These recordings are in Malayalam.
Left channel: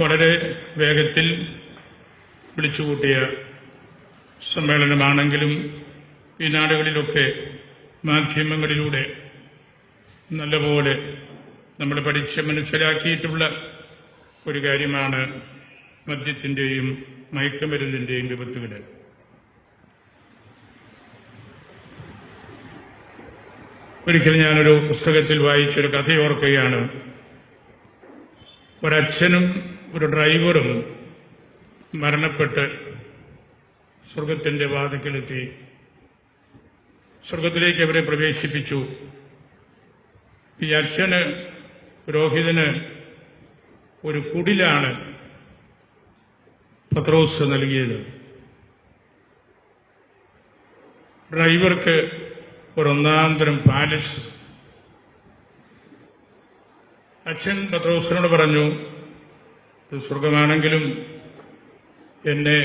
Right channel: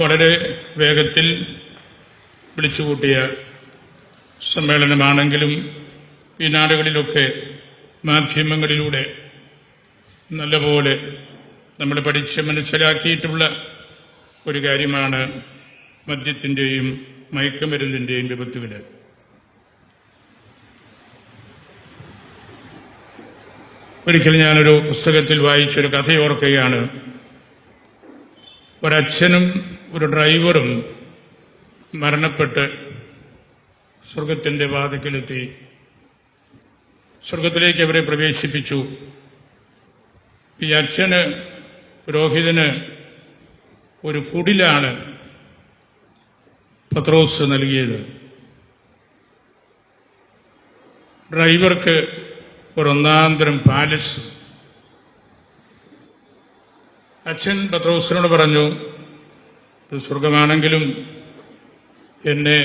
വളരെ വേഗത്തിൽ വിളിച്ചുകൂട്ടിയ സമ്മേളനമാണെങ്കിലും ഈ നാടുകളിലൊക്കെ മാധ്യമങ്ങളിലൂടെ നല്ലപോലെ നമ്മൾ പഠിച്ച് മനസ്സിലാക്കിയിട്ടുള്ള ഒരു കാര്യമാണ് മദ്യത്തിൻ്റെയും മയക്കുമരുന്നിൻ്റെയും വിപത്തുകൾ. ഒരിക്കൽ ഞാനൊരു പുസ്തകത്തിൽ വായിച്ചൊരു കഥയോർക്കുകയാണ്. ഒരച്ഛനും ഒരു ഡ്രൈവറും മരണപ്പെട്ട് സ്വർഗത്തിൻ്റെ വാതിക്കലെത്തി. സ്വർഗത്തിലേക്ക് അവരെ പ്രവേശിപ്പിച്ചു. ഈ അച്ഛന്, പുരോഹിതന് ഒരു കുടിലാണ് പത്രോസ് നൽകിയത്. ഡ്രൈവർക്ക് ഒരൊന്നാന്തരം പാലസ്. അച്ഛൻ പത്രോസിനോട് പറഞ്ഞു, സ്വർഗമാണെങ്കിലും എന്നെ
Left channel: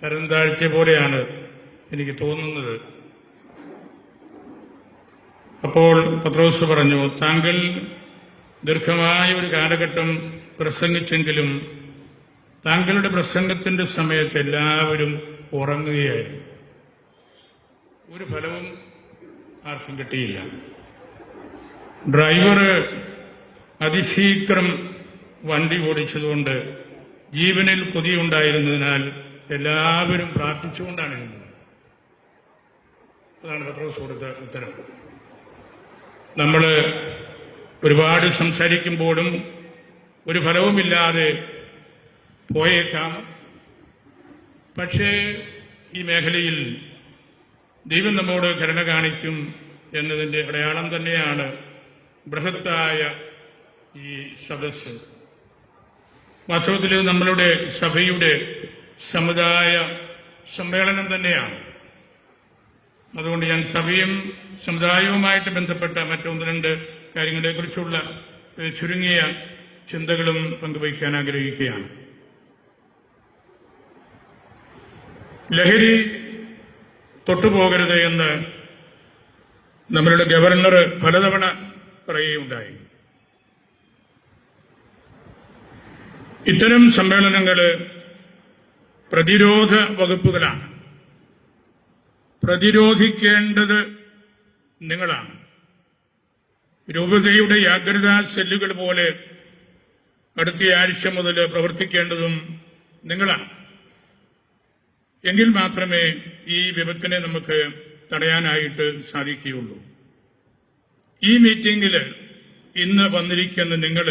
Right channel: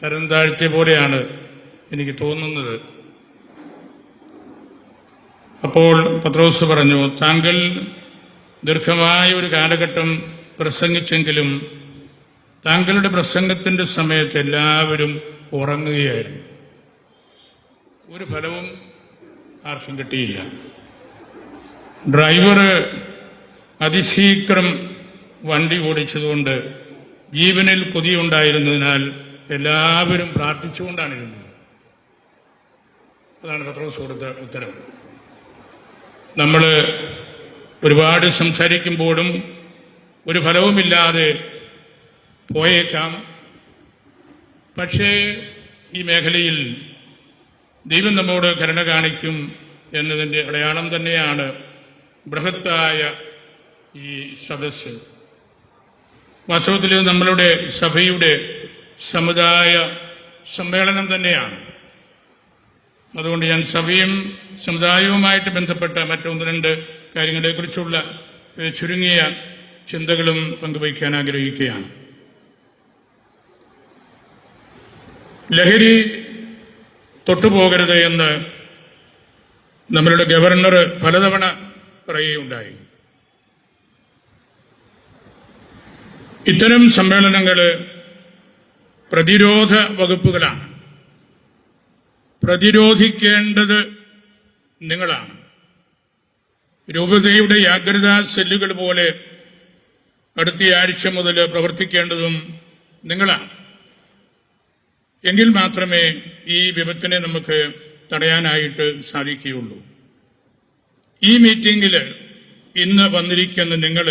തരം താഴ്ത്തിയ പോലെയാണ് എനിക്ക് തോന്നുന്നത്. അപ്പോൾ പത്രോസ് പറഞ്ഞു, താങ്കൾ ദീർഘമായ ഒരു കാലഘട്ടം പ്രസംഗിച്ചെങ്കിലും താങ്കളുടെ പ്രസംഗത്തിന്റെ സമയത്ത് എല്ലാവരും ഉറങ്ങുകയായിരുന്നു. ഒരു ഫലവും ആർക്കും കിട്ടിയില്ല. ഡ്രൈവർ അതിശീഘ്രം വണ്ടി ഓടിച്ചതുകൊണ്ട് ജീവനിൽ കൊതിയുണ്ടായിരുന്നതിനാൽ എല്ലാവരും പ്രാർത്ഥിച്ചുകൊണ്ടാണിരുന്നത്. അതാണ് പത്രോസ് കൊടുത്ത ഉത്തരം. നമ്മൾ ഒരുപാട് സംസാരിക്കുമ്പോഴും ഒരു ഫലവുമില്ലാതെ പോയേക്കാം. പക്ഷേ ഈ മേഖലയിൽ ദൈവം നമ്മോട് കരുണ കാണിക്കും എന്നതിൻ്റെ അടയാളം തന്നെയാണ് ബൃഹത്തായ ഈ സദസ്സ്. വാസ്തവത്തിൽ നമ്മളുടെ സഭയുടെ സമുദായ സമ്മേളനം തന്നെയാണ്. അതുകൊണ്ട് ഞാൻ സഭയും സമുദായവുമായിട്ട് ബന്ധപ്പെട്ട മറ്റൊന്ന് രണ്ട് കാര്യങ്ങളെക്കുറിച്ചുള്ള ചുരുങ്ങിയ ചിന്തകളും പങ്കുവയ്ക്കാൻ ആഗ്രഹിക്കുകയാണ്. ലഹരി തൊട്ടുപോകരുത് എന്ന് നമ്മളുടെ ഗവർണർ പലതവണ പറയുകയുണ്ടായി. ഇത്തരം സമ്മേളനങ്ങൾ പ്രതിരോധ വകുപ്പുകളാണ്. പ്രതിരോധിക്കേണ്ടത് നിങ്ങളാണ്. രൂപതയുടെ ജാഗ്രതാ സെല്ലുകൾ പോലെ അടുത്ത ആഴ്ച മുതൽ പ്രവർത്തിക്കേണ്ടതും നിങ്ങളാണ്. എങ്കിൽ മാത്രമേ ഈ വിപത്തിനെ നമുക്ക് തടയാനായിട്ട് സാധിക്കുകയുള്ളൂ. ഈ മീറ്റിംഗിൽ ഇന്ന് വന്നിരിക്കുന്ന നിങ്ങൾ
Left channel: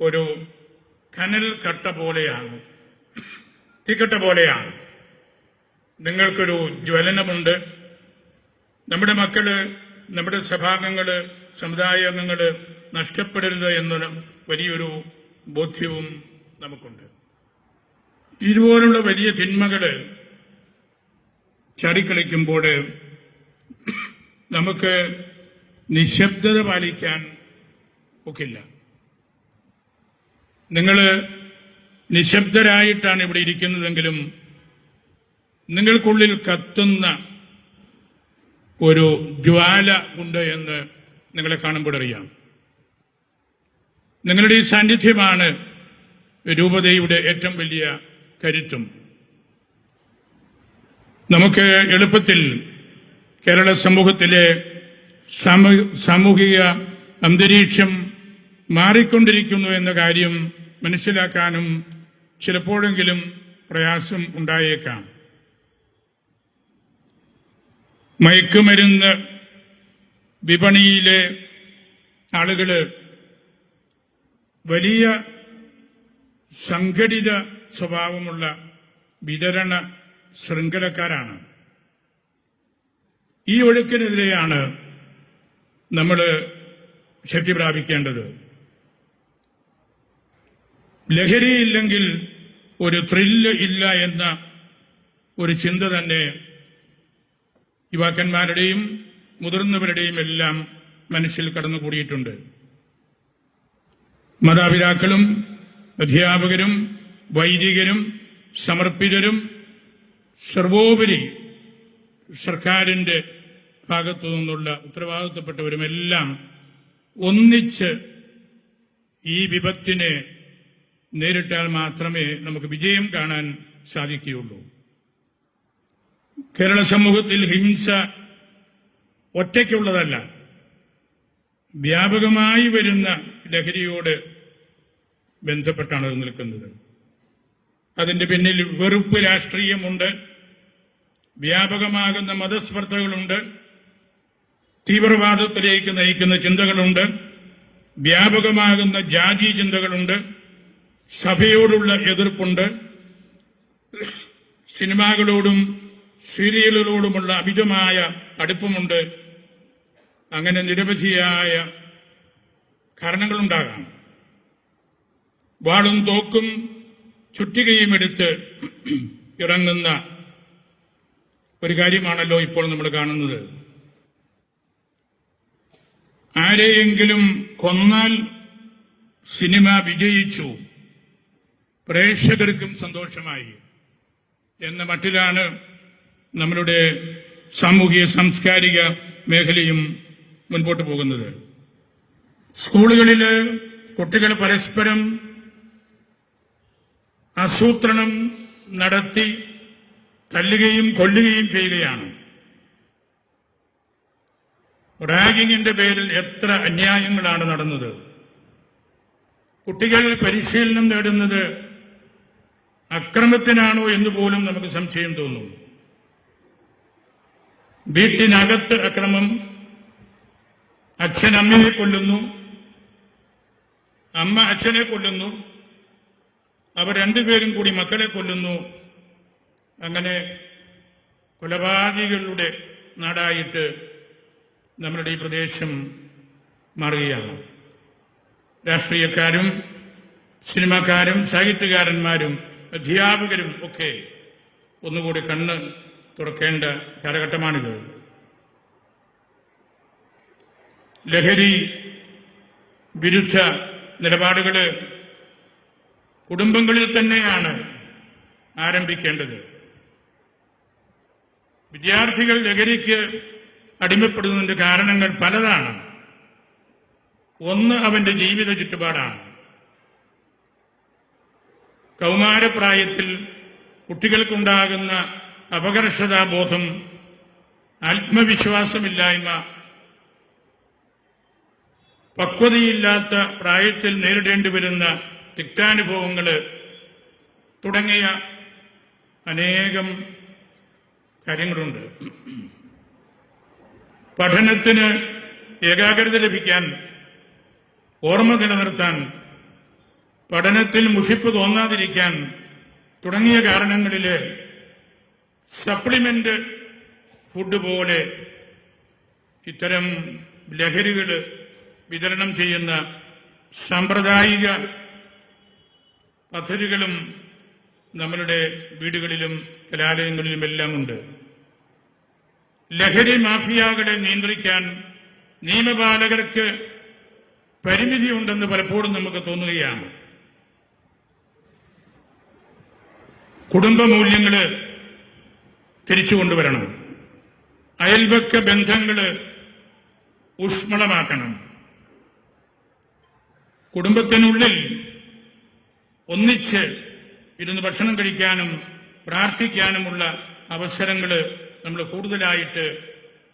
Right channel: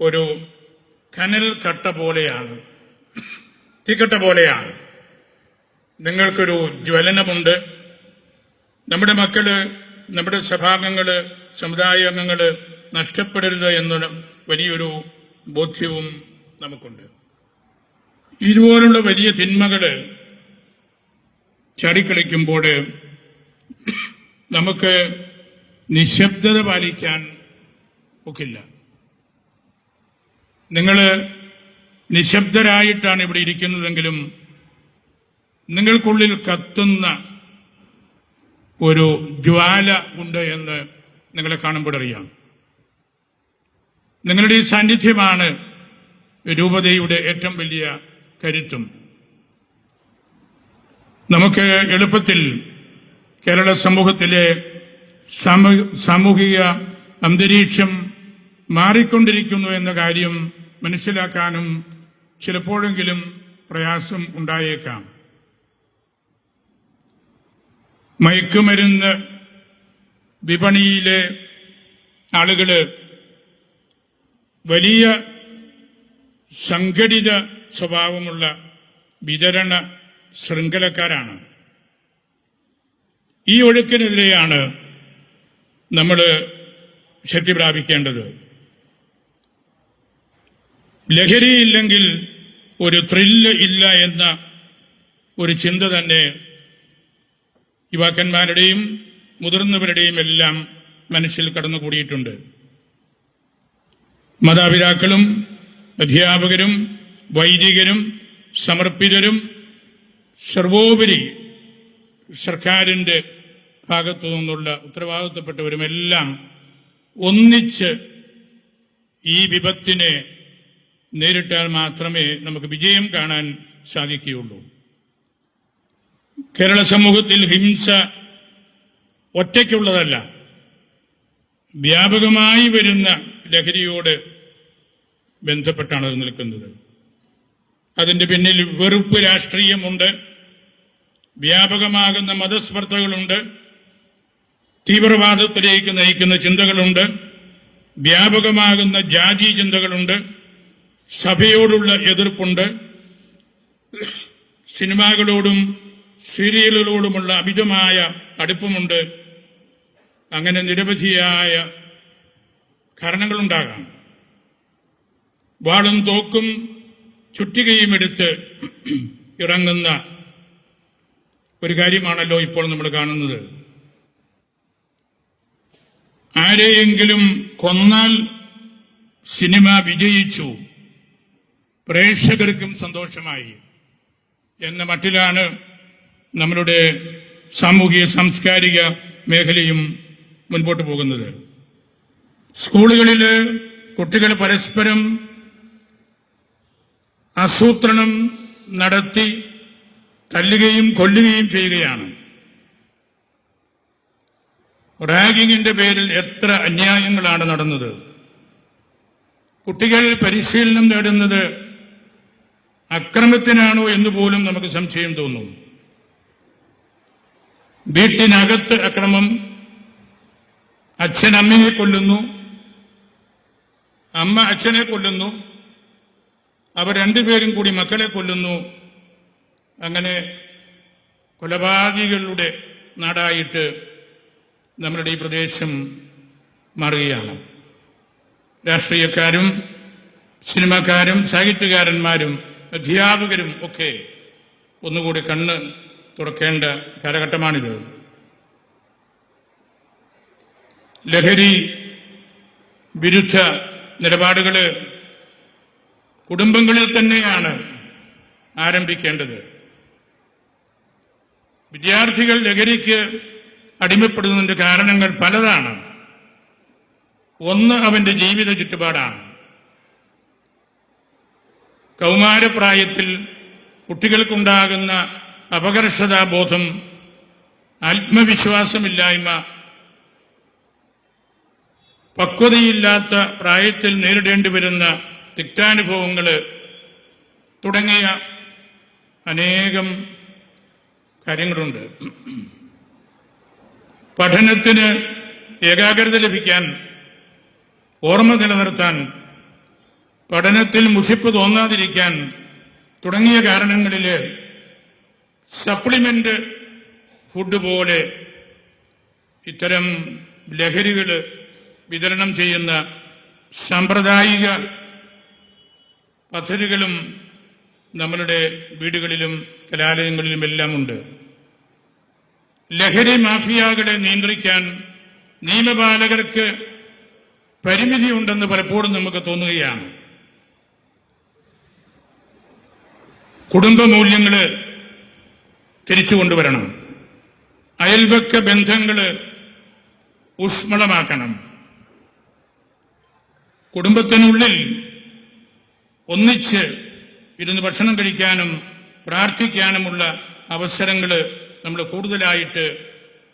ഒരു കനൽ കട്ട പോലെയാണ്, തീക്കട്ട പോലെയാണ്. നിങ്ങൾക്കൊരു ജ്വലനമുണ്ട്. നമ്മുടെ മക്കള്, നമ്മുടെ സഭാംഗങ്ങള്, സമുദായ അംഗങ്ങള് നഷ്ടപ്പെടരുത് എന്നുള്ള വലിയൊരു ബോധ്യവും നമുക്കുണ്ട്. ഇതുപോലുള്ള വലിയ തിന്മകള് ചാടിക്കളിക്കുമ്പോൾ നമുക്ക് നിശബ്ദത പാലിക്കാൻ ഒക്കില്ല. നിങ്ങൾ നിശബ്ദരായിട്ടാണ് ഇവിടെ ഇരിക്കുന്നതെങ്കിലും നിങ്ങൾക്കുള്ളിൽ കത്തുന്ന ഒരു ജ്വാല ഉണ്ട് എന്ന് നിങ്ങളെ കാണുമ്പോൾ അറിയാം. നിങ്ങളുടെ ഈ സാന്നിധ്യമാണ് രൂപതയുടെ ഏറ്റവും വലിയ കരുത്തും. നമുക്ക് എളുപ്പത്തിൽ കേരള സമൂഹത്തിലെ സാമൂഹിക അന്തരീക്ഷം മാറിക്കൊണ്ടിരിക്കുന്നു എന്ന കാര്യം മനസ്സിലാക്കാനും ചിലപ്പോഴെങ്കിലും പ്രയാസം ഉണ്ടായേക്കാം. മയക്കുമരുന്ന് വിപണിയിലെ ആളുകള് വലിയ സംഘടിത സ്വഭാവമുള്ള വിതരണ ശൃംഖലക്കാരാണ്. ഈ ഒഴുക്കിനെതിരെയാണ് നമ്മൾ ശക്തി പ്രാപിക്കേണ്ടത്. ലഹരിയില്ലെങ്കിൽ ഒരു ത്രില്ല് ഇല്ല എന്ന ഒരു ചിന്ത തന്നെ യുവാക്കന്മാരുടെയും മുതിർന്നവരുടെയും എല്ലാം മനസ്സിൽ കടന്നുകൂടിയിട്ടുണ്ട്. മാതാപിതാക്കളും അധ്യാപകരും വൈദികരും സമർപ്പിതരും സർവോപരി സർക്കാരിന്റെ ഭാഗത്തു നിന്നുള്ള ഉത്തരവാദിത്തപ്പെട്ടവരുമെല്ലാം ഒന്നിച്ച് ഈ വിപത്തിനെ നേരിട്ടാൽ മാത്രമേ നമുക്ക് വിജയം കാണാൻ സാധിക്കുകയുള്ളൂ. കേരള സമൂഹത്തിൽ ഹിംസ ഒറ്റയ്ക്കുള്ളതല്ല, വ്യാപകമായി വരുന്ന ലഹരിയോട് ബന്ധപ്പെട്ടാണ് അത് നിൽക്കുന്നത്. അതിന്റെ പിന്നിൽ വെറുപ്പ് രാഷ്ട്രീയമുണ്ട്, വ്യാപകമാകുന്ന മതസ്പർദ്ധകളുണ്ട്, തീവ്രവാദത്തിലേക്ക് നയിക്കുന്ന ചിന്തകളുണ്ട്, വ്യാപകമാകുന്ന ജാതി ചിന്തകളുണ്ട്, സഭയോടുള്ള എതിർപ്പുണ്ട്, സിനിമകളോടും സീരിയലുകളോടുമുള്ള അമിതമായ അടുപ്പമുണ്ട്. അങ്ങനെ നിരവധിയായ കാരണങ്ങളുണ്ടാകാം. വാളും തോക്കും ചുറ്റികയും എടുത്ത് ഇറങ്ങുന്ന ഒരു കാര്യമാണല്ലോ ഇപ്പോൾ നമ്മൾ കാണുന്നത്. ആരെയെങ്കിലും കൊന്നാൽ സിനിമ വിജയിച്ചു, പ്രേക്ഷകർക്കും സന്തോഷമായി എന്ന മട്ടിലാണ് നമ്മളുടെ സാമൂഹിക സാംസ്കാരിക മേഖലയും മുൻപോട്ട് പോകുന്നത്. സ്കൂളുകളിൽ കുട്ടികൾ പരസ്പരം ആസൂത്രണം നടത്തി തല്ലുകയും കൊല്ലുകയും ചെയ്യുകയാണ്. റാഗിങ്ങിന്റെ പേരിൽ എത്ര അന്യായങ്ങളാണ് നടന്നത്. കുട്ടികൾ പരിശീലനം നേടുന്നത് അക്രമത്തിനാണോ എന്ന് പോലും നമുക്ക് സംശയം തോന്നുന്നു. വീട്ടിനകത്ത് അക്രമം, അച്ഛൻ അമ്മയെ കൊല്ലുന്നു, അമ്മ അച്ഛനെ കൊല്ലുന്നു, അവർ രണ്ടുപേരും കൂടി മക്കളെ കൊല്ലുന്നു. അങ്ങനെ കൊലപാതകികളുടെ നാടായിട്ട് നമ്മളുടെ ഈ പ്രദേശം മാറുകയാണ്. രാഷ്ട്രീയക്കാരും സിനിമാക്കാരും സാഹിത്യകാരന്മാരും അധ്യാപകരും ഒക്കെ ഒന്നുകൂടി കണ്ണ് തുറക്കേണ്ട കാലഘട്ടമാണിത്. ലഹരി വിരുദ്ധ നിലപാടുകൾ കുടുംബങ്ങളിൽ തന്നെയാണ് ആരംഭിക്കേണ്ടത്. വിദ്യാർത്ഥികൾ ലഹരിക്ക് അടിമപ്പെടുന്നതിന്റെ കാരണങ്ങൾ പലതാണ്. ഒന്ന്, അവന്റെ ജീവിത ചുറ്റുപാടാണ്. കൗമാരപ്രായത്തിൽ കുട്ടികൾക്കുണ്ടാകുന്ന അപകർഷതാബോധം, ആത്മവിശ്വാസമില്ലായ്മ, പക്വതയില്ലാത്ത പ്രായത്തിൽ നേരിടേണ്ടി വരുന്ന തിക്താനുഭവങ്ങൾ തുടങ്ങിയ അനേകം കാര്യങ്ങളുണ്ട്. പഠനത്തിന് ഏകാഗ്രത ലഭിക്കാൻ, ഓർമ്മ നിലനിർത്താൻ, പഠനത്തിൽ മുഷിപ്പ് തോന്നാതിരിക്കാൻ തുടങ്ങിയ കാരണങ്ങളിൽ സപ്ലിമെന്റ് ഫുഡ് പോലെ ഇത്തരം ലഹരികൾ വിതരണം ചെയ്യുന്ന സാമ്പ്രദായിക പദ്ധതികളും നമ്മളുടെ വീടുകളിലും കലാലയങ്ങളിലുമെല്ലാം ഉണ്ട്. ലഹരി മാഫിയകളെ നിയന്ത്രിക്കാൻ നിയമപാലകർക്ക് പരിമിതിയുണ്ടെന്ന് പലപ്പോഴും നമുക്ക് തോന്നുകയാണ്. കുടുംബ മൂല്യങ്ങൾ തിരിച്ചുകൊണ്ടുവരണം. അയൽപക്ക ബന്ധങ്ങൾ ഊഷ്മളമാക്കണം. കുടുംബത്തിനുള്ളിൽ ഒന്നിച്ച് ഇരുന്ന് ഭക്ഷണം കഴിക്കാനും പ്രാർത്ഥിക്കാനുമുള്ള അവസരങ്ങൾ നമ്മൾ കൂടുതലായിട്ട്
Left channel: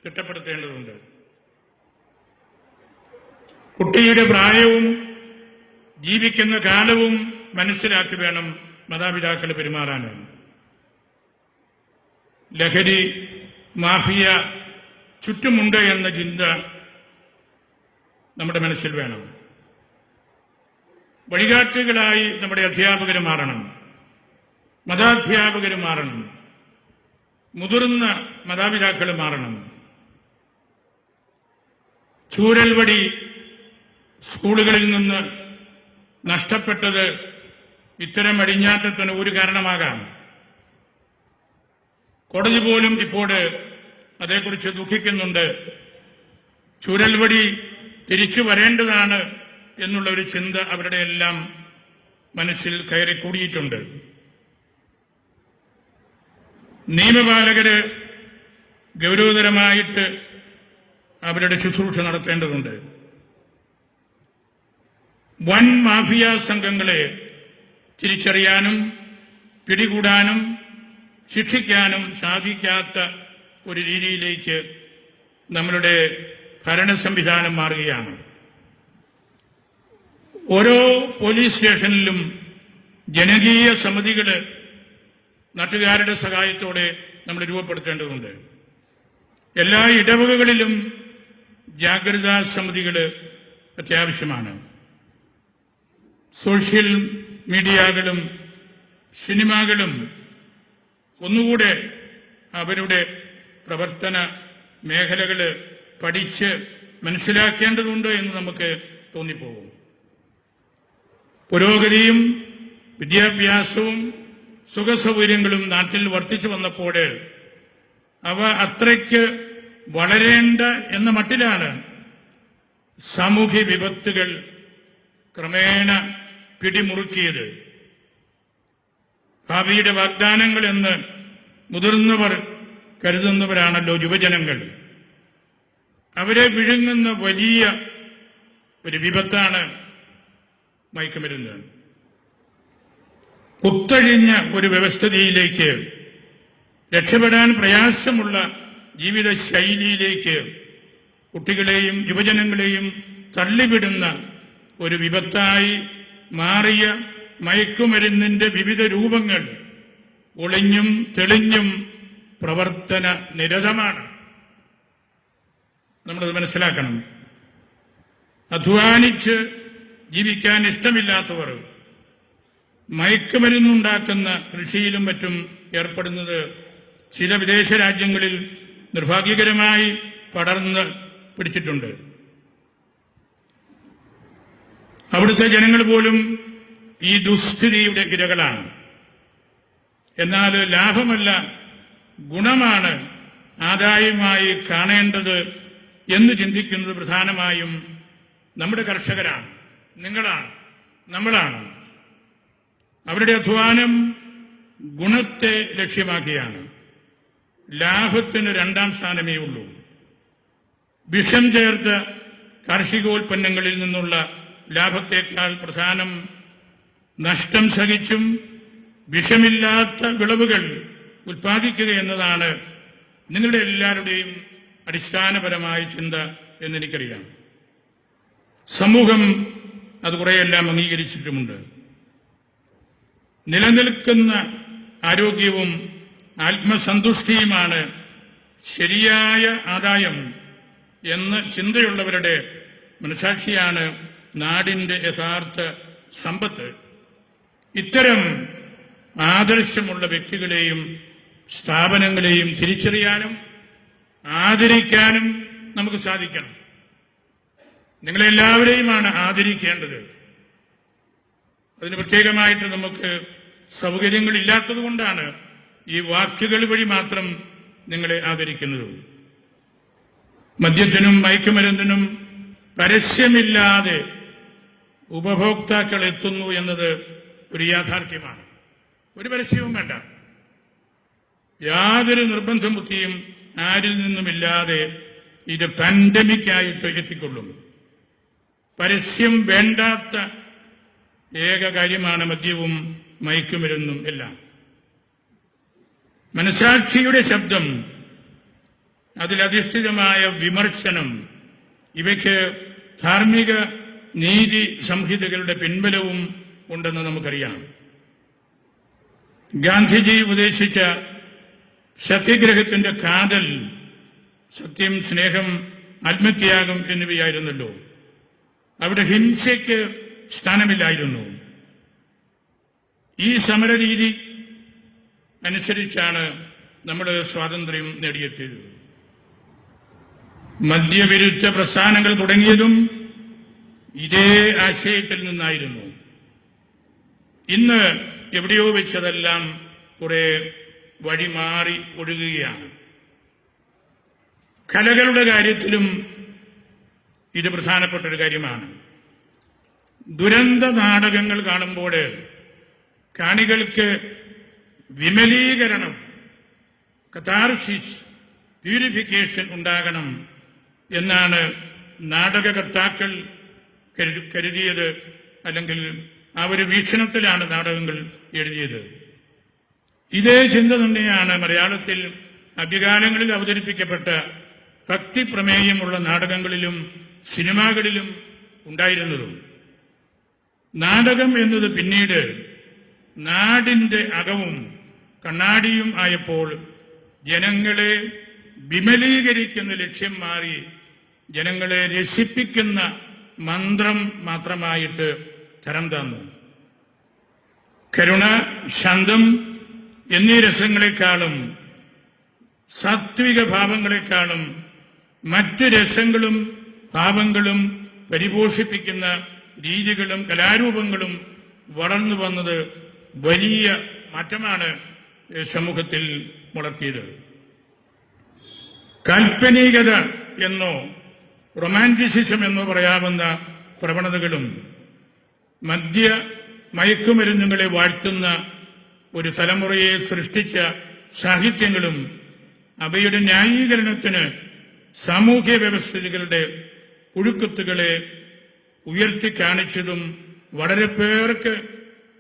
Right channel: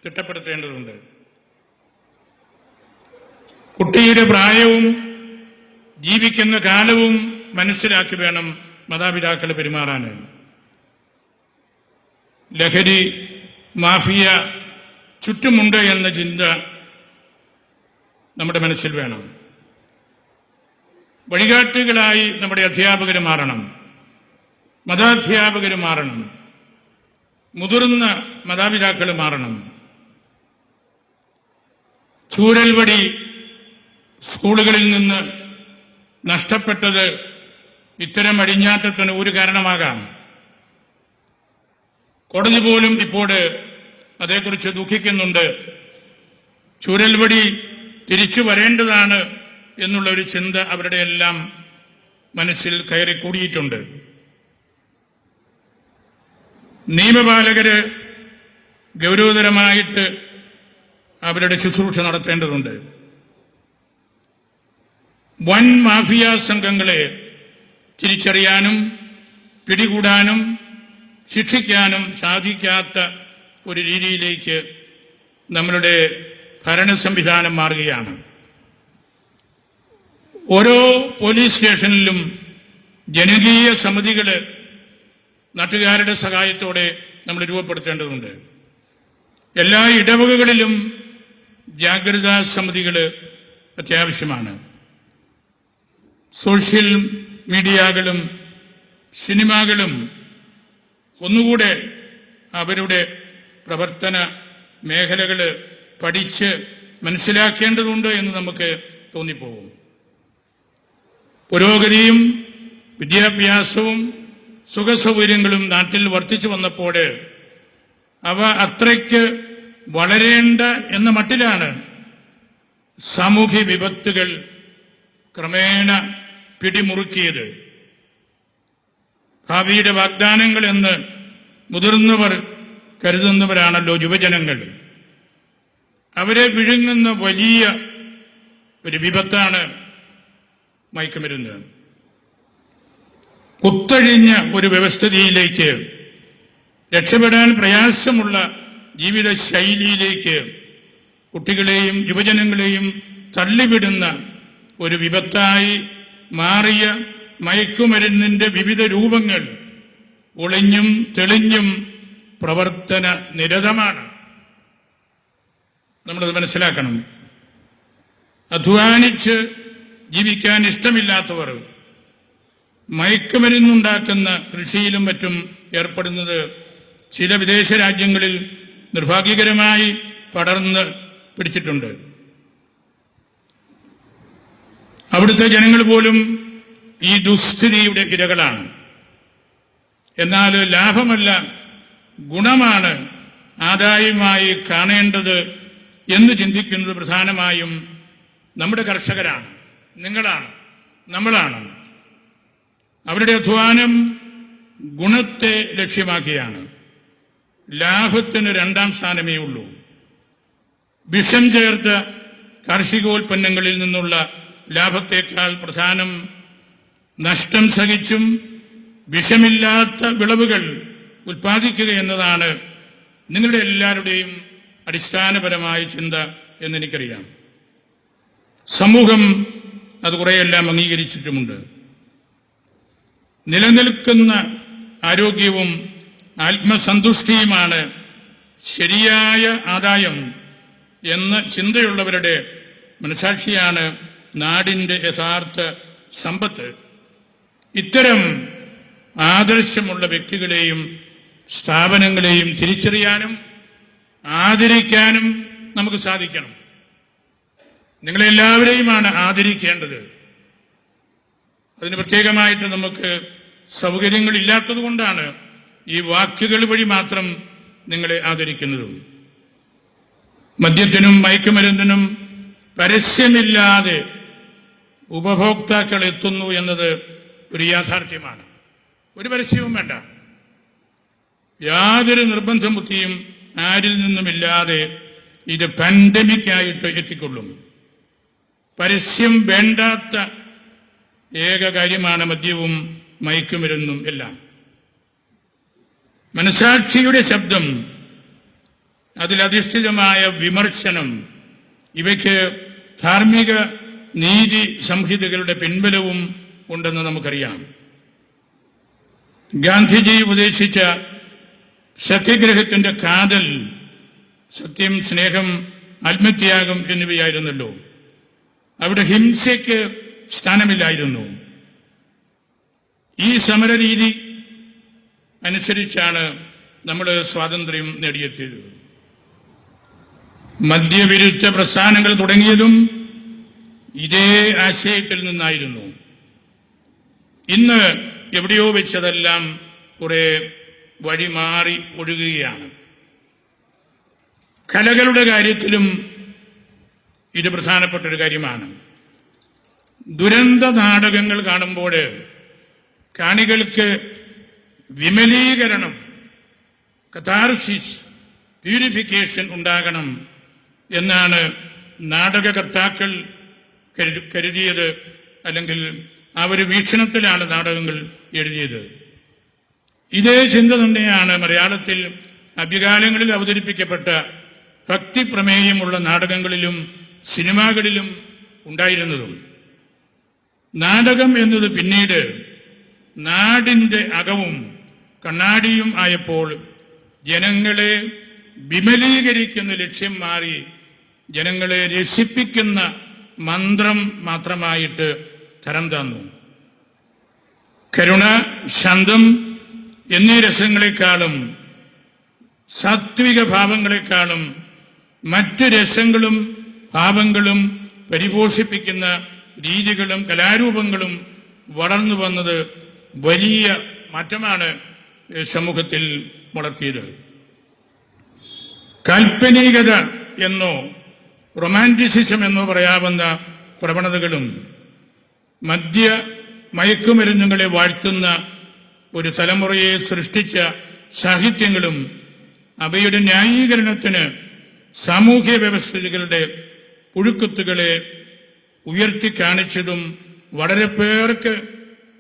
തിട്ടപ്പെടുത്തേണ്ടതുണ്ട്. കുട്ടിയുടെ പ്രായവും ജീവിക്കുന്ന കാലവും മനസ്സിലാക്കി വേണം മാതാപിതാക്കൾ പെരുമാറാൻ. ലഹരി മാഫിയ ചുറ്റുമുണ്ട് എന്ന ചിന്ത നമ്മുടെ മനസ്സിൽ വേണം. വഴികാട്ടുകളായി നമ്മുടെ അധ്യാപകർ മാറണം, മതാധ്യാപകർ മാറണം, മുതിർന്ന മാതാപിതാക്കൾ മാറണം. ചൂരൽവടി സ്കൂളുകളിൽ നിന്ന് നഷ്ടപ്പെട്ടത് ഇത്തരം അടിഞ്ഞാട്ടത്തിന് ഒരു കാരണമാകാം. കോടതി പോലും ഇപ്പോൾ അതേക്കുറിച്ച് ദുഃഖിക്കുന്നുണ്ട്. ചൂരൽവടി തിരിച്ചു വരേണ്ടതാണ് എന്നുള്ള ഒരു ചിന്ത അവരുടെ എല്ലാം മനസ്സിൽ കയറി കൂടിയിട്ടുണ്ട്. നിയമപാലകര് ഗൗരവതരമായിട്ട് അവരുടെ ശുശ്രൂഷ നടത്തേണ്ടതുണ്ട്. വൻ മാഫിയ സംഘങ്ങളെ തിരിച്ചറിയാനും പിടികൂടാനും ശിക്ഷിക്കാനും സാധിക്കാത്ത ഒരു രീതിയിലേക്ക് നമ്മളുടെ ഭരണ സംവിധാനം മാറുകയാണ്. ഓരോ പോലീസ് സ്റ്റേഷനിലും ജനകീയ സമിതികൾ നാട്ടുകാരുടെ സഹായത്തോടെ നമ്മൾ രൂപപ്പെടുത്തേണ്ടതുണ്ട്. എല്ലാ ഇടവകകളിലും ജാഗ്രതാ സമിതികൾ അത്യാവശ്യമാണ്. സോഷ്യൽ മീഡിയകളും സിനിമകളും ഒന്നുകൂടെ അവരുടെ പ്രവർത്തന മേഖലകൾ പഠിച്ച് മനസ്സിലാക്കേണ്ടതുണ്ട് എന്ന് നമുക്ക് തോന്നിപ്പോകും. പുരോഗതിയും വിദ്യാഭ്യാസവും സുഖസൗകര്യങ്ങളും നാട്ടിൽ വർദ്ധിച്ചു വന്നപ്പോൾ അവ അത്രയ്ക്ക് വളരേണ്ട എന്ന മട്ടിലാണ് സാമൂഹ്യ വിപത്തുകൾ ക്രമേണ പിടിമുറുക്കിയത്. ഭാവിയുടെ വാഗ്ദാനങ്ങൾ എന്ന് മുതിർന്നവർ കരുതുന്നവരാണല്ലോ യുവജനങ്ങൾ. അവരെ വിഴുങ്ങുന്ന വലിയ ഒരു വിപത്താണ് മയക്കുമരുന്ന്. കുത്തഴിഞ്ഞ ഒരു വ്യവസ്ഥിതിയിലേക്ക്, രക്ഷപ്പെടാൻ പ്രയാസമുള്ള ജീവിത ശൈലിയിലേക്ക് കുട്ടികളെയും യുവജനങ്ങളെയും തള്ളിവിടുന്ന ഒരു വിപത്തായി മാറിയ മയക്കുമരുന്നിന്റെ വിവിധ രൂപങ്ങൾ ഒളിഞ്ഞും തെളിഞ്ഞും പ്രവർത്തന നിരതമാണ്. നമ്മളത് മനസ്സിലാക്കണം. അധ്വാനിച്ച് ജീവിക്കാൻ ഇഷ്ടമില്ലാത്തവർ മയക്കുമരുന്നുണ്ടാക്കുന്ന കൃഷിയിലും മറ്റും ഏർപ്പെടുന്നത് ചില വിദേശ രാജ്യങ്ങളിൽ നിർഭാഗ്യകരമായി പടർന്ന് പിടിച്ചിട്ടുണ്ട്. അവിടുത്തെ ജനങ്ങൾ പോലും ഈ ദുസ്ഥിതിയുടെ ഇരകളാണ്. എന്നാൽ ലാഭമല്ല, ഗുണമാണ് ആദായമായി കാണേണ്ടത് എന്ന് ചിന്തിക്കുന്നത് പ്രധാനമായും നമ്മുടെ കർഷകരാണ്, നിങ്ങളാണ്, നമ്മളാണ്. അവരുടെ അധ്വാനം ഗുണത്തെ ലക്ഷ്യമാക്കിയാണ്. ലാഭത്തിന് രണ്ടാം സ്ഥാനമേ ഉള്ളൂ. വിഷം ചേർത്ത കാർഷികോൽപ്പന്നങ്ങളിൽ നിന്നുള്ള ലാഭത്തേക്കാൾ പ്രധാനം നഷ്ടം സഹിച്ചും വിഷമില്ലാത്ത വിളവുകൾ ഉൽപ്പാദിക്കുക എന്നതാണ് നിങ്ങളുടെ എല്ലാവരുടെയും അടിസ്ഥാനപരമായ ചിന്ത എന്നെനിക്കറിയാം. സമൂഹം അത് കുറെയെല്ലാം അംഗീകരിച്ചിട്ടുമുണ്ട്. നിലനിൽക്കുന്ന ആരോഗ്യവും ആത്മസന്തുഷ്ടിയുമാണ് ശരിയായ ആദായം എന്ന ചിന്തയുള്ളവരുടെ മനസാക്ഷിയാണ് നാടിന്റെ യഥാർത്ഥ സമ്പത്ത്. ഇത്തരം ആദർശമുള്ള വ്യക്തികളെയും സ്ഥാപനങ്ങളെയും തിരിച്ചറിയാനും ആദരിക്കാനും നമുക്ക് സാധിക്കണം. നിങ്ങളെല്ലാവരെയുമാണ് ആദരിക്കേണ്ടത്. അതിന് പ്രത്യേകമായിട്ട് നമുക്ക് സൗകര്യങ്ങളില്ലാത്തത് കൊണ്ടാണ് ഈ വാക്കുകൾ വഴി മാത്രം നിങ്ങളെ ആദരിക്കുന്നത്. മദ്യത്തിനും മയക്കുമരുന്നിനും പരസ്യമില്ലാതെ ഉപഭോക്താക്കൾ എത്തുന്നു എന്നത് ഒരു യാഥാർത്ഥ്യമാണ്. ഒരു പരസ്യവും വേണ്ട, യാതൊരു നിർബന്ധ ബുദ്ധിയും ആരിൽ നിന്നുമില്ലാതെ ഇത് പാൻഡമിക്കായിട്ട് എത്തിക്കൊള്ളും. പരസ്യം വേണ്ടാത്ത ഏക കാര്യമാണ് മദ്യവും മയക്കുമരുന്നും എല്ലാം. മനസാക്ഷിയുടെ ശബ്ദം, അതിലധിഷ്ഠിതമായ വിമർശനം, ഇവയ്ക്ക് ധാർമ്മിക നീതി സംഹിതകളുടെ പിൻബലവും ഉണ്ടെന്ന് നമുക്കറിയാം. ഗാന്ധിജി ഉപദേശിച്ച സത്യഗ്രഹത്തിന്റെ കാതൽ സത്യം, സ്നേഹം, ആത്മത്യാഗം എന്നിവയായിരുന്നല്ലോ. അവിടെ ഹിംസയ്ക്ക് സ്ഥാനമില്ലായിരുന്നു. ഈ സമരരീതി അനുസരിച്ചാണ് നമ്മൾ സ്വാതന്ത്ര്യം നേടിയെത്തിയത്. മദ്യവിരുദ്ധ പ്രസ്ഥാനങ്ങൾ തുടങ്ങിയതും ഇതേ ആശയത്തിൽ നിന്നായിരുന്നു. ഇന്ന് എവിടെയോ വെച്ചതെല്ലാം കുറെ വഴിമാറി ഒഴുകുകയാണ്. കലകളുടെ കാര്യത്തിലും ഇത് പ്രധാനപ്പെട്ട ഒരു കാര്യമാണ്. ദുരന്ത നാടകങ്ങൾ കാണുമ്പോൾ കാണികൾക്ക് വിമലീകരണം, കഥാർസിസ്, പ്യൂരിഫിക്കേഷൻ ഉണ്ടാകണം എന്നാണ് നാടകകർത്താക്കൾ കരുതിയത്, അല്ലെങ്കിൽ ആ ഒരു വീക്ഷണത്തിലാണ് നാടകങ്ങൾ എഴുതിയത്. ഇതേ ചിന്ത തന്നെയാണ് മലയാളത്തിൽ ആദ്യകാലങ്ങളിൽ അവതരിപ്പിക്കപ്പെട്ട ഭക്തി പ്രമേയമുള്ള നാടകങ്ങളിലും സിനിമകളിലും ഉണ്ടായിരുന്നതും. നാടകം എന്നത് പിന്നീട് നാടിന്റെ അകവും കണ്ണാടിയും ആയപ്പോൾ ജനങ്ങളെ വിമലീകരിക്കുന്ന ലക്ഷ്യം മാറി ജനങ്ങളെ രസിപ്പിക്കുന്ന മന്ത്രം മാത്രമായിട്ട് തരം തന്നു. കരുണ, ശാന്തം എന്നീ രസങ്ങളെക്കാളും സാത്വിക ഭാവങ്ങളെക്കാളും മറ്റ് രസങ്ങളും ഭാവങ്ങളും പരിപോഷിപ്പിക്കുന്ന രീതികളും കലാരൂപങ്ങളും വളർന്നു വന്നത് വലിയ മാറ്റമാണ് സമൂഹത്തിൽ വളർത്തിയത്. കാൽപ്പനികത എന്നോ റൊമാൻറ്റിസിസം എന്നോ പറയാവുന്ന പ്രവണതകളും മയക്കുമരുന്നുകളെ വാഴ്ത്തുന്ന ഒരു തലമുറയെ സൃഷ്ടിച്ച സാഹിത്യങ്ങളും അവയുടെ ന്യായീകരണത്തിന് സാമൂഹ്യ വ്യവസ്ഥിതികളുടെ പുഴുക്കുത്തുകളെ ഉയർത്തിക്കാണിച്ചതും വളരെ പേർക്ക്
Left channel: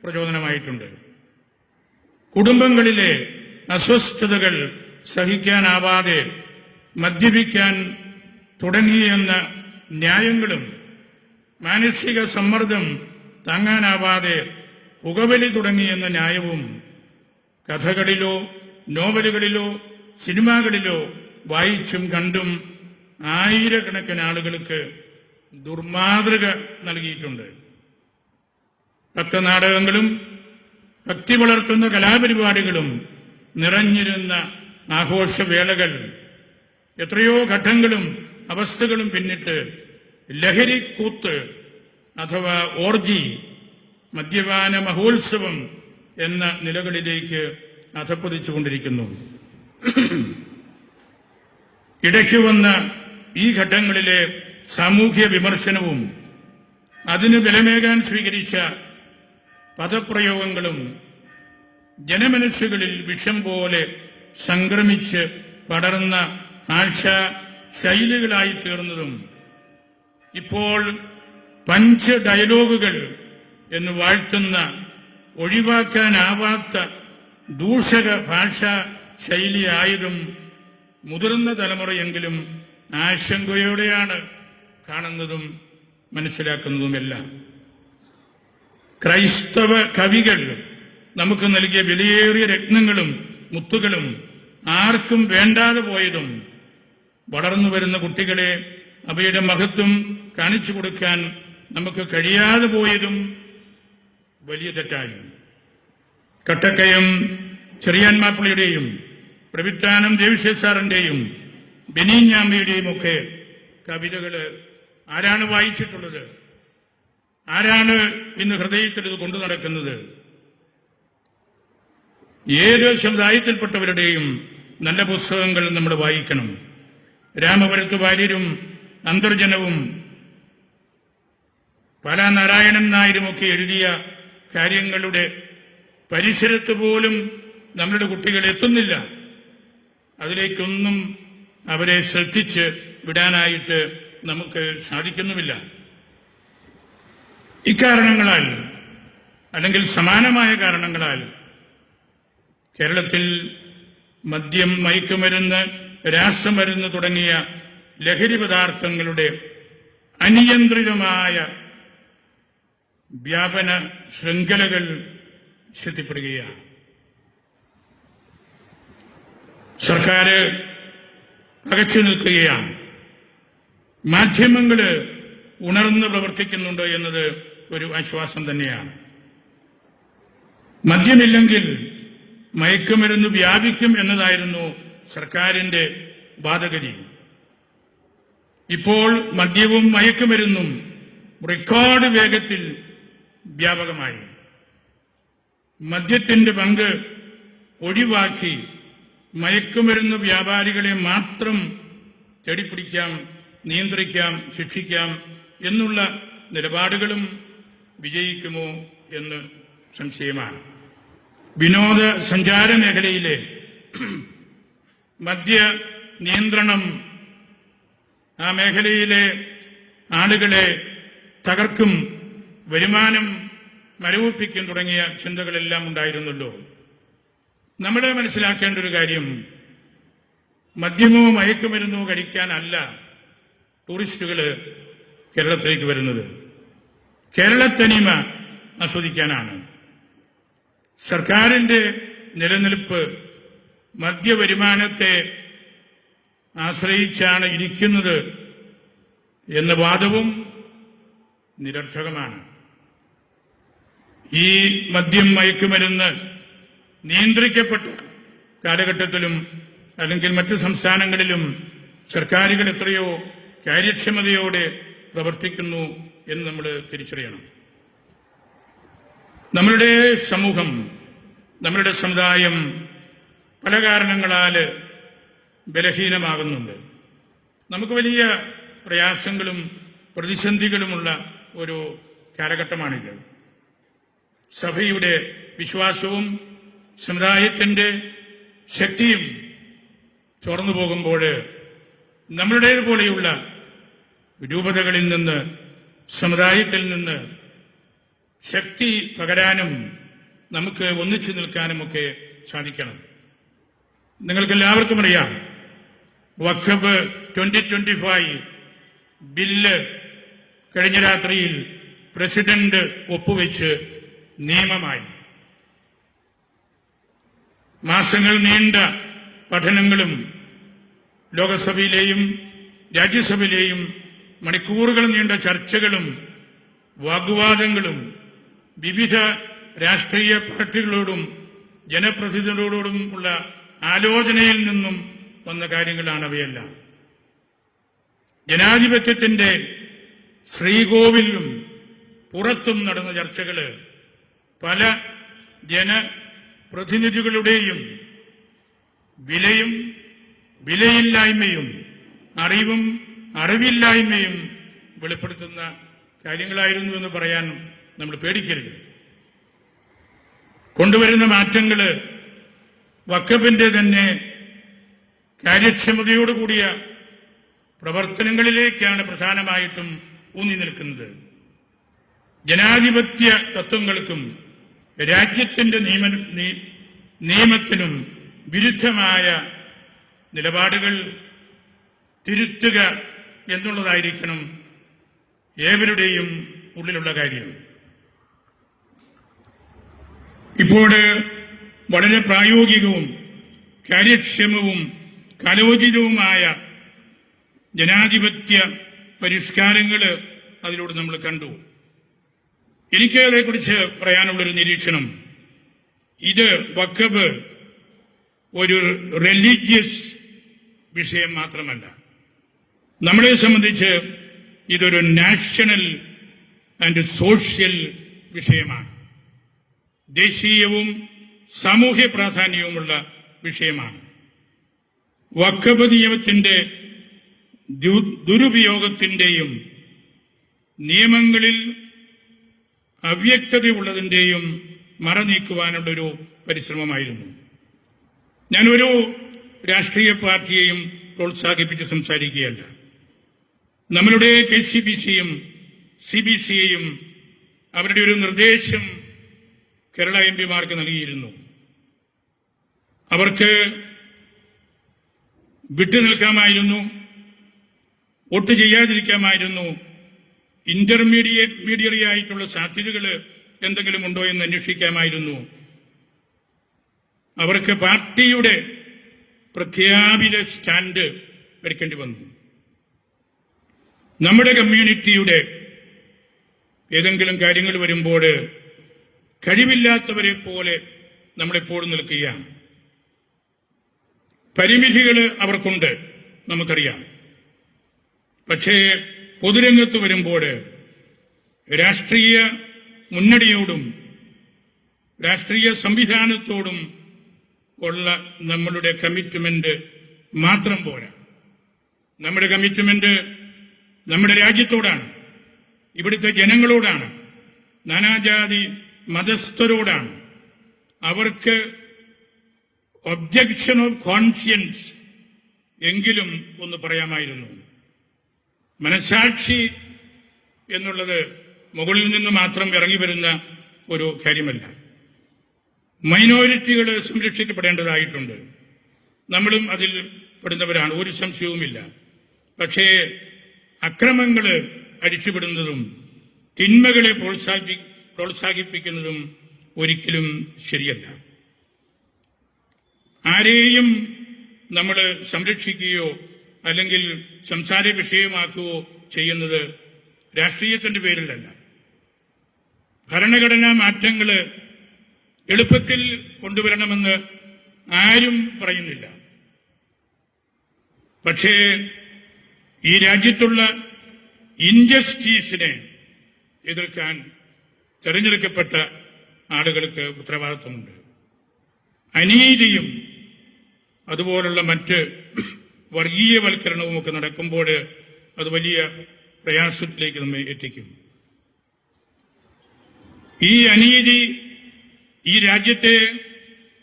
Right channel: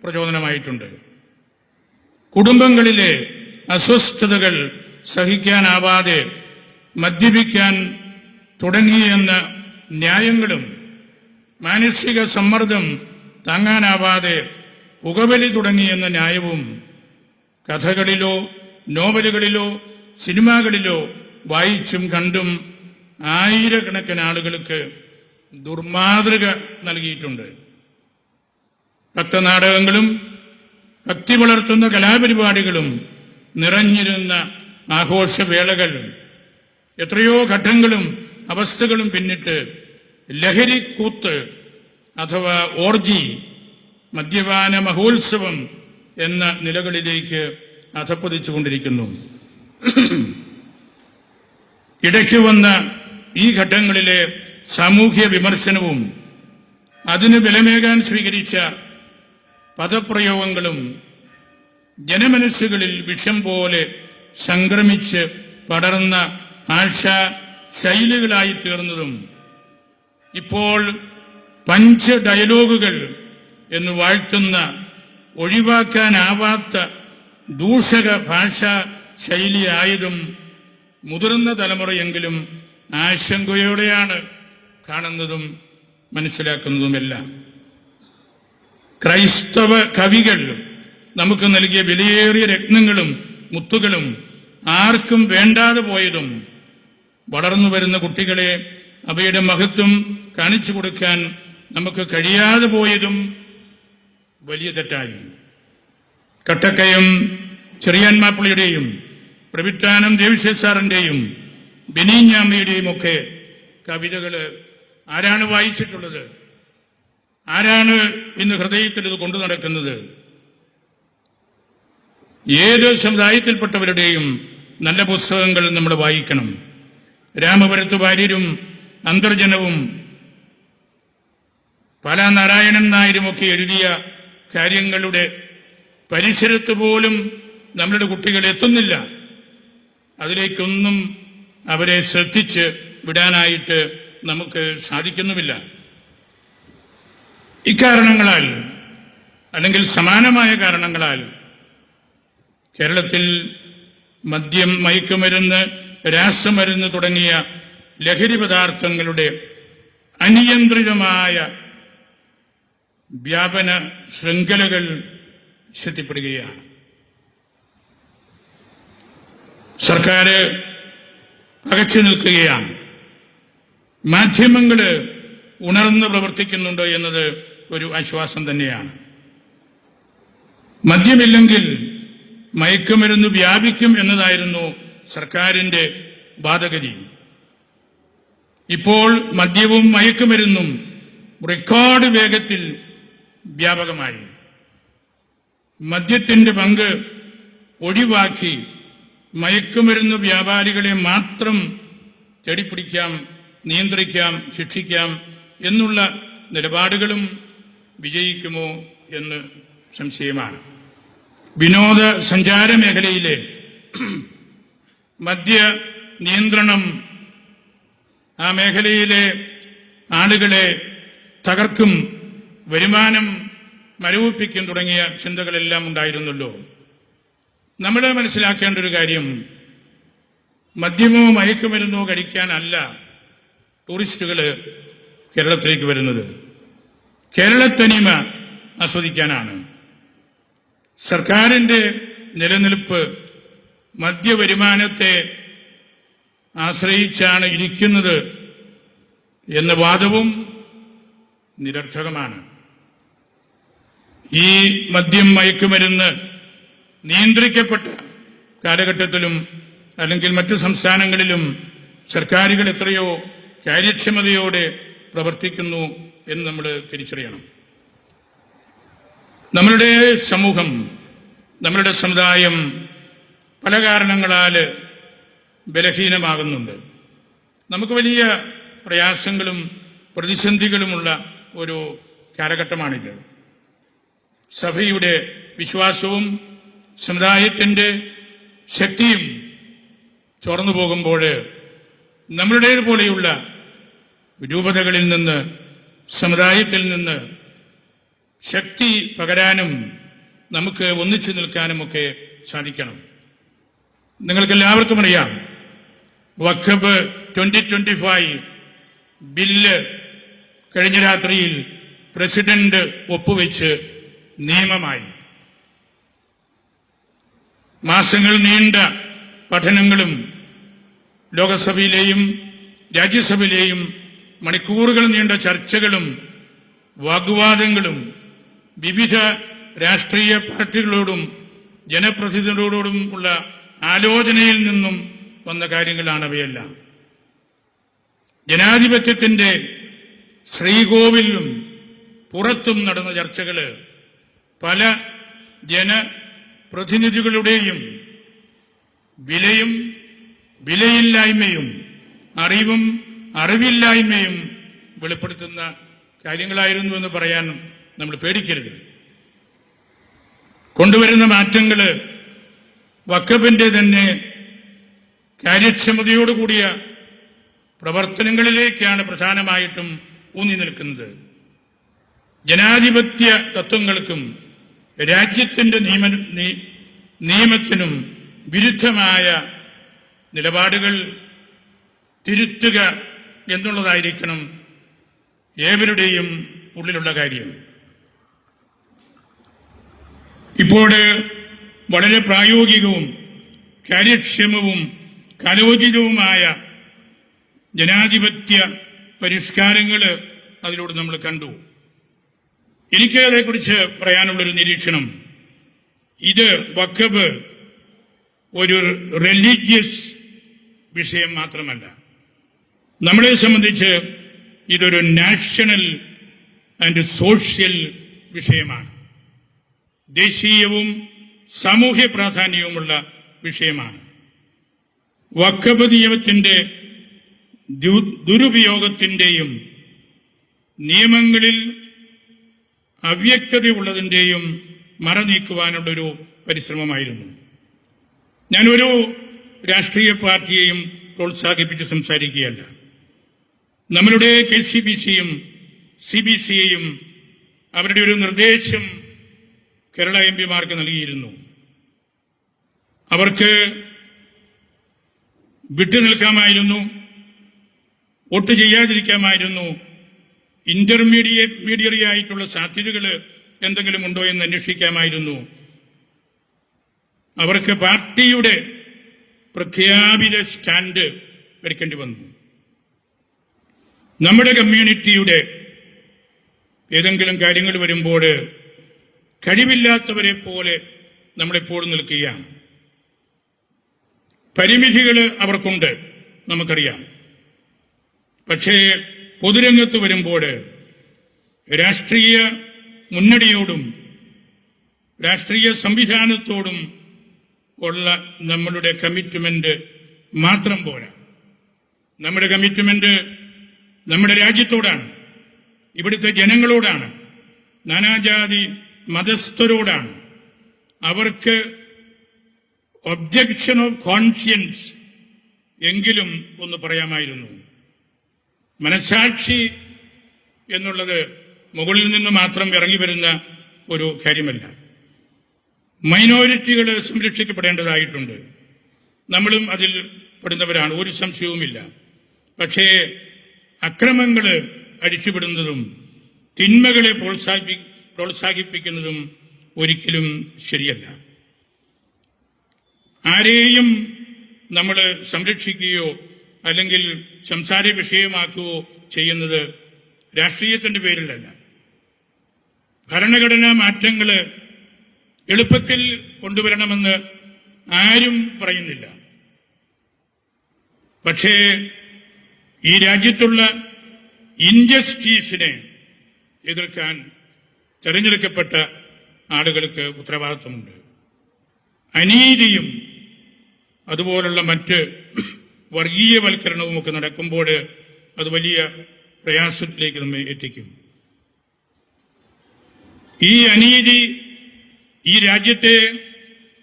പ്രചോദനമായിട്ടുണ്ട്. കുടുംബങ്ങളിലെ അസ്വസ്ഥതകൾ സഹിക്കാനാവാതെ മദ്യപിക്കാൻ തുടങ്ങിയെന്ന ന്യായങ്ങളും മാനസിക സമ്മർദ്ദം താങ്ങാനാവാതെ പുകവലി തുടങ്ങിയെന്ന ന്യായവും കഥകളിലോ നോവലുകളിലോ സിനിമകളിലോ വായിച്ചും കണ്ടും ആയിരക്കണക്കിന് ആളുകൾക്ക് ദുർമാതൃക നൽകിയിട്ടുണ്ട്. ഭക്തനാടകങ്ങളും ഭക്തി വളർത്തുന്ന കലാപരിപാടികളും നിറഞ്ഞിരുന്ന ആഘോഷവേളകൾ എത്രയോ ഘട്ടങ്ങളും അവസ്ഥകളും പിന്നിട്ട് ലഹരിക്കൂത്ത് അഥവാ ഓർജി, മദ്യപാന മഹോത്സവം എന്ന നിലകളിലേക്ക് അധപ്പതിച്ചുകൊണ്ടിരിക്കുന്നു. ഇടയ്ക്ക് വന്ന ഈ ഘട്ടങ്ങളിലെ സാമൂഹ്യ വിമർശനവും അതിന് ബലമേകാൻ സ്വീകരിച്ച പദപ്രയോഗങ്ങളും ജനമനസ്സുകളിൽ വിഷം പോലെ സംക്രമിച്ച് പടർന്ന ഭാഷാ ശൈലികളായി തീർന്നതും ഇപ്പോൾ പഞ്ച് ഡയലോഗുകൾ എന്ന് വാഴ്ത്തുന്ന ഒഴിവാക്കാനാവാത്ത ദൂഷക ഭാഷാ ശൈലിയായതും മുതിർന്ന തലമുറയെങ്കിലും ആശങ്കയോടെയാണ് കാണുന്നതും മനസ്സിലാക്കുന്നതുമെല്ലാം. ക്രൈസ്തവ കവികൾ നമുക്ക് നൽകിയ വിലയേറിയ രത്നങ്ങളും മുത്തുകളും ആർക്കും വേണ്ടാതെ പോയതും വളർന്നു വരുന്ന കുട്ടികളെ അവയുടെ മഹത്വം കാണിച്ചു കൊടുക്കാൻ നമുക്ക് കഴിയാതെ പോയതും വലിയ തെറ്റായി. കട്ടക്കയം ചെറിയാൻ മാപ്പിളയുടെയും പ്രവിത്താനം ദേവിശേഷാറിന്റെയും ബെനീഞ്ഞാമ്മയുടെയും ഒക്കെ കവിതകള് ആരാണ് വായിച്ചിട്ടുള്ളത്? ആരാണ് ഇന്ന് ഹൃദയത്തിൽ ഇത് കൊണ്ടു നടക്കുന്നത്? ഏത് സമുദായത്തിൽപ്പെട്ടവരുടെയും നല്ല പുസ്തകങ്ങൾ നമ്മൾ വായിക്കണം. രാമപുരത്ത് വാര്യരും അന്തർജനവും പല നാരായണൻ നായരുമൊക്കെ എഴുതിയ കാര്യങ്ങളുടെ പരിസരത്ത് പോലും നമ്മളുടെ കുട്ടികൾ എത്തുന്നില്ല. അതിലേക്കൊന്നും അവരെ ശ്രദ്ധിച്ച് വിടാനായിട്ട് നമുക്ക് സാധിക്കുന്നുമില്ല. ഇക്കാരണങ്ങളാൽ അല്ലെങ്കിൽ സമാനമായ കാരണങ്ങളാൽ കേരളത്തിൽ മദ്യം, മയക്കുമരുന്ന്, രാസമരുന്ന് തുടങ്ങിയ ലഹരി പദാർത്ഥങ്ങളുടെ അനിയന്ത്രിതമായ വ്യാപന ശൃംഖലകൾ ശക്തിപ്പെടുകയാണ്. സർക്കാർ പകച്ചു നിൽക്കുകയാണ്. മാധ്യമങ്ങൾ ഉണർന്ന് പ്രവർത്തിക്കുന്നുണ്ട് എന്നത് ഒരു ആശ്വാസം തന്നെയാണ്. മദ്യമില്ലെങ്കിൽ മയക്കുമരുന്ന് വ്യാപിക്കും എന്നതായിരുന്നു സർക്കാരിന്റെ വാദഗതി. ഇപ്പോൾ മദ്യവും മയക്കുമരുന്നും റെക്കോർഡ് വേഗത്തിൽ വ്യാപകമായി. മദ്യത്തിന്റെ പങ്ക് ഒഴിവാക്കി മയക്കുമരുന്ന് വ്യാപാരികളെ മാത്രം തേടിപ്പിടിക്കാം, നിയന്ത്രിക്കാം, ശിക്ഷിക്കാം എന്നുള്ള നിലപാടുകളും വിജയിക്കുമോ എന്ന് സംശയമാണ്. വിനോദ സഞ്ചാര മേഖലയിലെ മദ്യ നിയന്ത്രണം ആ മേഖലയിലെ ആളുകളെ തകർക്കും, വരുമാനം മരവിപ്പിക്കും തുടങ്ങിയ ചിന്തകളെല്ലാം ഉണ്ടായിരുന്നല്ലോ. നമ്മൾ മനസ്സിലാക്കേണ്ട ഒരു കാര്യം, മദ്യമോ മയക്കുമരുന്നോ കഴിക്കാനല്ല ടൂറിസ്റ്റുകൾ കേരളത്തിലേക്ക് വരുന്നത്, കേരളത്തനിമ ആസ്വദിക്കാനാണ്. സർക്കാരിന്റെ നിലനിൽപ്പ് മദ്യവരുമാനത്തെ ആശ്രയിച്ചാണ് ഇരിക്കുന്നത് എന്ന വാദവും നിരർത്ഥകമാണ്. ഈ മദ്യം മയക്കുമരുന്ന് നിയന്ത്രിക്കപ്പെട്ട കാലഘട്ടത്തിലും അല്ലെങ്കിൽ മറ്റു സംസ്ഥാനങ്ങളിലും സർക്കാരുകൾ എത്രയോ കാര്യക്ഷമതയോടെ പ്രവർത്തിക്കുന്നു എന്ന് നമ്മൾ തിരിച്ചറിയണം. നമ്മളുടെ സമൂഹം, നമ്മളുടെ സമുദായം പല കാരണങ്ങളാൽ ബലഹീനമാകുന്നുണ്ട്. നമുക്ക് വലിയ പ്രയാസങ്ങളും പ്രതിസന്ധികളുമുള്ള ഒരു കാലഘട്ടമാണിത്. സഭയുടെ വിശ്വാസവും സമുദായത്തിന്റെ ശക്തിയും ചോർന്നു പോകുമ്പോൾ നമ്മളുടേതുപോലെയുള്ള രൂപതകളിൽ നിന്ന്, സമുദായത്തിൽ നിന്ന് ശക്തി പകരാനും നമുക്ക് ഒന്നിച്ചു നിൽക്കാനുമൊക്കെ സാധിക്കണം. നിങ്ങൾക്കെല്ലാവർക്കും അറിയാം, വഖഫ് 2025 ബില്ല് കഴിഞ്ഞ രാത്രിയിൽ പ്രസിഡന്റ് ഒപ്പുവെച്ച് നിയമമായി. മാസങ്ങൾ നീണ്ട പഠനങ്ങളും ലോകസഭയിലെയും രാജ്യസഭയിലെയും മണിക്കൂറുകൾ നീണ്ട ചർച്ചകളും വാഗ്വാദങ്ങളും വിവിധ രാഷ്ട്രീയ പാർട്ടികളോടും ജനപ്രതിനിധികളോടും ഉള്ള ആലോചനയിൽ നിന്നും വന്ന കാര്യങ്ങളാണവയെല്ലാം. ജനാധിപത്യത്തിന്റെ ശ്രീകോവിലും പുറത്തും നടന്ന ചർച്ചകൾ പല ജനപ്രതിനിധികളുടെയും വിലയും വിലയില്ലായ്മയും അറിവും അറിവില്ലായ്മയും വെളിപ്പെടുത്തുന്ന കാര്യങ്ങളായിരുന്നു എന്ന് പറയാൻ നമ്മൾ പേടിക്കരുത്. കൊണ്ടുവരുന്ന മാറ്റങ്ങൾ വഖഫിന്റെ തന്നെ കാര്യക്ഷമതയോടുകൂടിയ പ്രവർത്തനങ്ങളിലേക്കാണ് പ്രധാനമായിട്ടും ഊന്നി നിൽക്കുന്നത്. ജനാധിപത്യ തത്വങ്ങൾക്കും രാജ്യത്തിന്റെ നിയമത്തിനും വിരുദ്ധമായ നിലപാടുകൾ തിരുത്തുക എന്നുള്ളതായിരിക്കണം ഏവരുടെയും ഉള്ളിലുള്ള കാര്യം. ഇപ്പോൾ വളരെ പ്രായോഗികവും കാര്യക്ഷമവും കാലോചിതവുമായ ജനാധിപത്യ പരിഷ്കാരങ്ങൾ അതിലൂടെ നമ്മൾ കണ്ടു. എനിക്ക് അതേക്കുറിച്ച് പറയാനുള്ളൊരു നിരീക്ഷണം, ഇത് വഖഫ് ഒരു റിലീജിയസ് വിഷയം മാത്രമല്ല, നമ്മളെ സംബന്ധിച്ച് ഇതൊരു നാഷണൽ ആൻഡ് സോഷ്യൽ വിഷയമാണ്. ദേശീയവും സാമൂഹ്യ പ്രാധാന്യവുമുള്ള വിഷയമാണ്. വഖഫ് നിയമത്തിന്റെ ദുരുപയോഗത്തിന്റെയും നിയമങ്ങളിൽ അവ്യക്തതയുള്ളതിന്റെയും മറനീക്കുവാനുള്ളൊരു പരിശ്രമമായിരുന്നു. ഞാനൊരു രാഷ്ട്രീയ പാർട്ടിയെയും പ്രോത്സാഹിപ്പിച്ച് സംസാരിക്കുകയല്ല. നമ്മളുടെ KCBCയും CBCയെയും അവരുടെ ഒരു നിർദ്ദേശം കേരള MP-മാർക്ക് നൽകിയിരുന്നു. അവർക്ക് വിട്ടുനിൽക്കാമായിരുന്നു, വോട്ട് ചെയ്യാതിരിക്കാമായിരുന്നു, ഇന്റർമീഡിയറി ആയിട്ടുള്ള സാധ്യതകൾ എന്തെങ്കിലും ഉണ്ടോ എന്ന് അന്വേഷിക്കാമായിരുന്നു. അവർക്ക് പാർട്ടിയുടെ പ്രഖ്യാപിത സ്റ്റാൻഡ് എടുക്കേണ്ടി വന്നു. നമ്മുടെ കമ്മ്യൂണിറ്റിയുടെ ഏതെങ്കിലും കാര്യങ്ങൾ വരുമ്പോൾ കഴിവില്ലാത്തവരെ പോലെ നമ്മളെപ്പോഴും നിൽക്കുകയാണ്. പരിമിതികൾ അവർക്കുണ്ട്, നമുക്കറിയാം. പക്ഷേ പൊതുരംഗത്ത് വരുമ്പോൾ രാഷ്ട്രീയ മുന്നണിയോടും രാഷ്ട്രീയ സംവിധാനത്തോടും ഉള്ള നമ്മളുടെ കമ്മിറ്റ്മെന്റ് മാത്രം പോരാ. നമ്മുടെ കമ്മിറ്റ്മെന്റ് നമ്മുടെ രാജ്യത്തോടാണ്, ഇവിടുത്തെ ജനങ്ങളോടാണ്, നാനാജാതി മതസ്ഥരോടാണ്. അവർക്ക് ഒബ്ജക്ഷൻ ഓഫ് കോൺഷ്യൻസ് എങ്കിലും ഒന്ന് പറയാമായിരുന്നു. മനസാക്ഷി എന്നുള്ളത് മുകളിൽ നിന്ന് മാത്രം ഇറങ്ങി വരുന്ന ഒരു കാര്യമല്ല. മൈനോറിറ്റികൾ സംരക്ഷിക്കപ്പെടേണ്ടതായിട്ടുണ്ട്. നമ്മളും അതിൽ പെടുന്നവരാണ്, ഒരു സംശയവുമില്ല. പക്ഷേ അക്രമങ്ങൾ അടിച്ചുവിടുന്നതും തിന്മകളെ പ്രോത്സാഹിപ്പിക്കുന്നതും ഒരിക്കലും ശരിയല്ല. ആരെയും നമ്മൾ സംരക്ഷിക്കുകയോ അല്ലെങ്കിൽ സംസാര വിഷയമാക്കുകയോ ചെയ്യുന്നത് രാഷ്ട്രീയത്തിന്റെ പേരിലല്ല. ഭരണഘടനാ മാറ്റങ്ങൾ എളുപ്പത്തിൽ കൊണ്ടുവരണമെന്ന് ആരും പറയുന്നില്ല. പക്ഷേ ഈ രാജ്യത്തുള്ള ഇൻജസ്റ്റിസിനെ എതിർക്കാൻ തെരഞ്ഞെടുക്കപ്പെട്ട ആളുകൾക്ക് ഉത്തരവാദിത്വമുണ്ട്. അനീതിയും അതുപോലുള്ള മറ്റ് വർഗീയവൽക്കരണവും ഒക്കെ നടക്കുമ്പോൾ അത് വലിയ പ്രയാസത്തിലേക്ക് നമ്മെ എത്തിക്കും. ഈ അനീതി ഈ രാജ്യത്തെ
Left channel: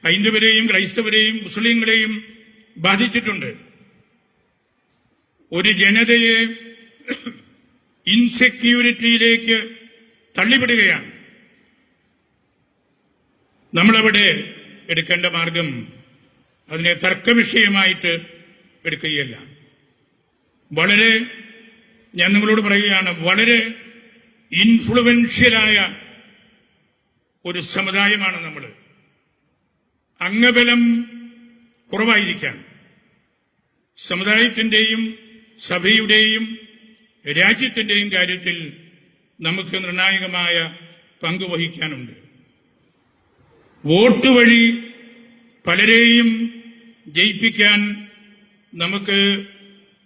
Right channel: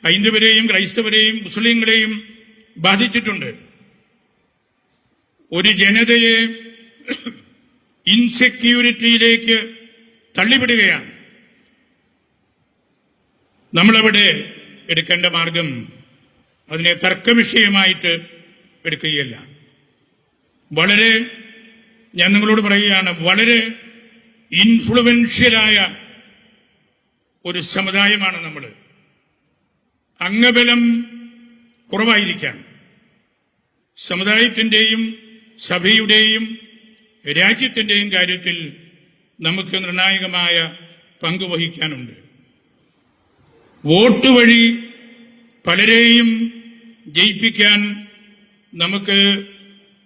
ഹൈന്ദവരെയും ക്രൈസ്തവരെയും മുസ്ലിങ്ങളെയും ബാധിച്ചിട്ടുണ്ട്. ഒരു ജനതയെ ഇൻസെക്യൂരിറ്റിയിലേക്ക് തള്ളിവിടുകയാണ്. നമ്മളവിടെ എടുക്കേണ്ട മാർഗം അതിനെ തർക്കവിഷയമായിട്ട് എടുക്കുകയല്ല. ഞാൻ നിങ്ങളോട് പറയുകയാണ്, വളരെ ഇൻഫ്ലുവൻഷ്യലായ ഒരു സമുദായമാണ് നമ്മൾ. അംഗബലം കുറവായിരിക്കാൻ സമുദായത്തിന്റെയും സഭയുടെയും രാജ്യത്തിന്റെയും കാര്യത്തിൽ നമുക്ക് നിർണായകമായ പങ്ക് വഹിക്കാനുണ്ട്. വോട്ട് വഴി പലരെയും ജയിപ്പിക്കാൻ നമുക്ക്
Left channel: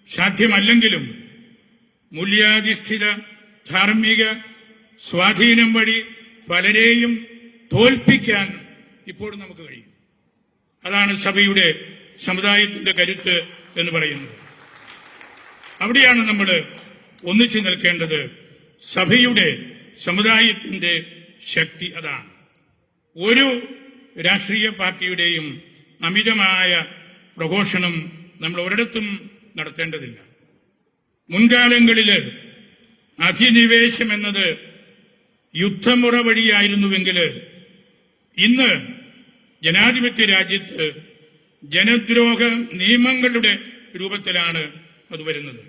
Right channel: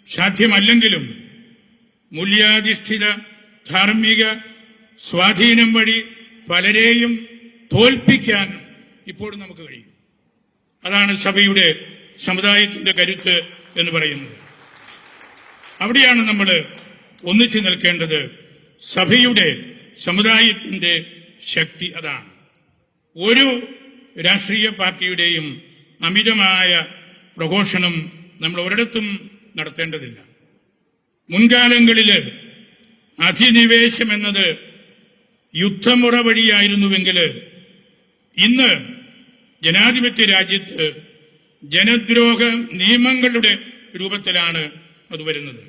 സാധ്യമല്ലെങ്കിലും മൂല്യാധിഷ്ഠിത ധാർമ്മിക സ്വാധീനം വഴി പലരെയും തോൽപ്പിക്കാൻ ഇപ്പോഴും നമുക്ക് കഴിയും. അതാണ് സഭയുടെ സമുദായത്തിന്റെ കരുത്ത് എന്ന് പറയുന്നത്. അവിടെയാണ് നമ്മൾ ഒന്നിച്ചു നിൽക്കേണ്ടത്. സഭയുടെ സമുദായത്തിന്റെ ശക്തി അതാണ്. ഒരു രാഷ്ട്രീയ പാർട്ടിയുടെയും അമിതമായ പ്രഘോഷണം നമ്മൾ ഒരിടത്തും നടത്തേണ്ടതില്ല. മുൻകാലങ്ങളിൽ അധിനിവേശം എന്നത് യുദ്ധമുറ വഴിയായിരുന്നുവെങ്കിൽ ഇന്ന് ജനാധിപത്യ രാജ്യത്ത് ജനദ്രോഹ നിയമങ്ങളുടെ രൂപത്തിലാണ് അത് വരുന്നത്.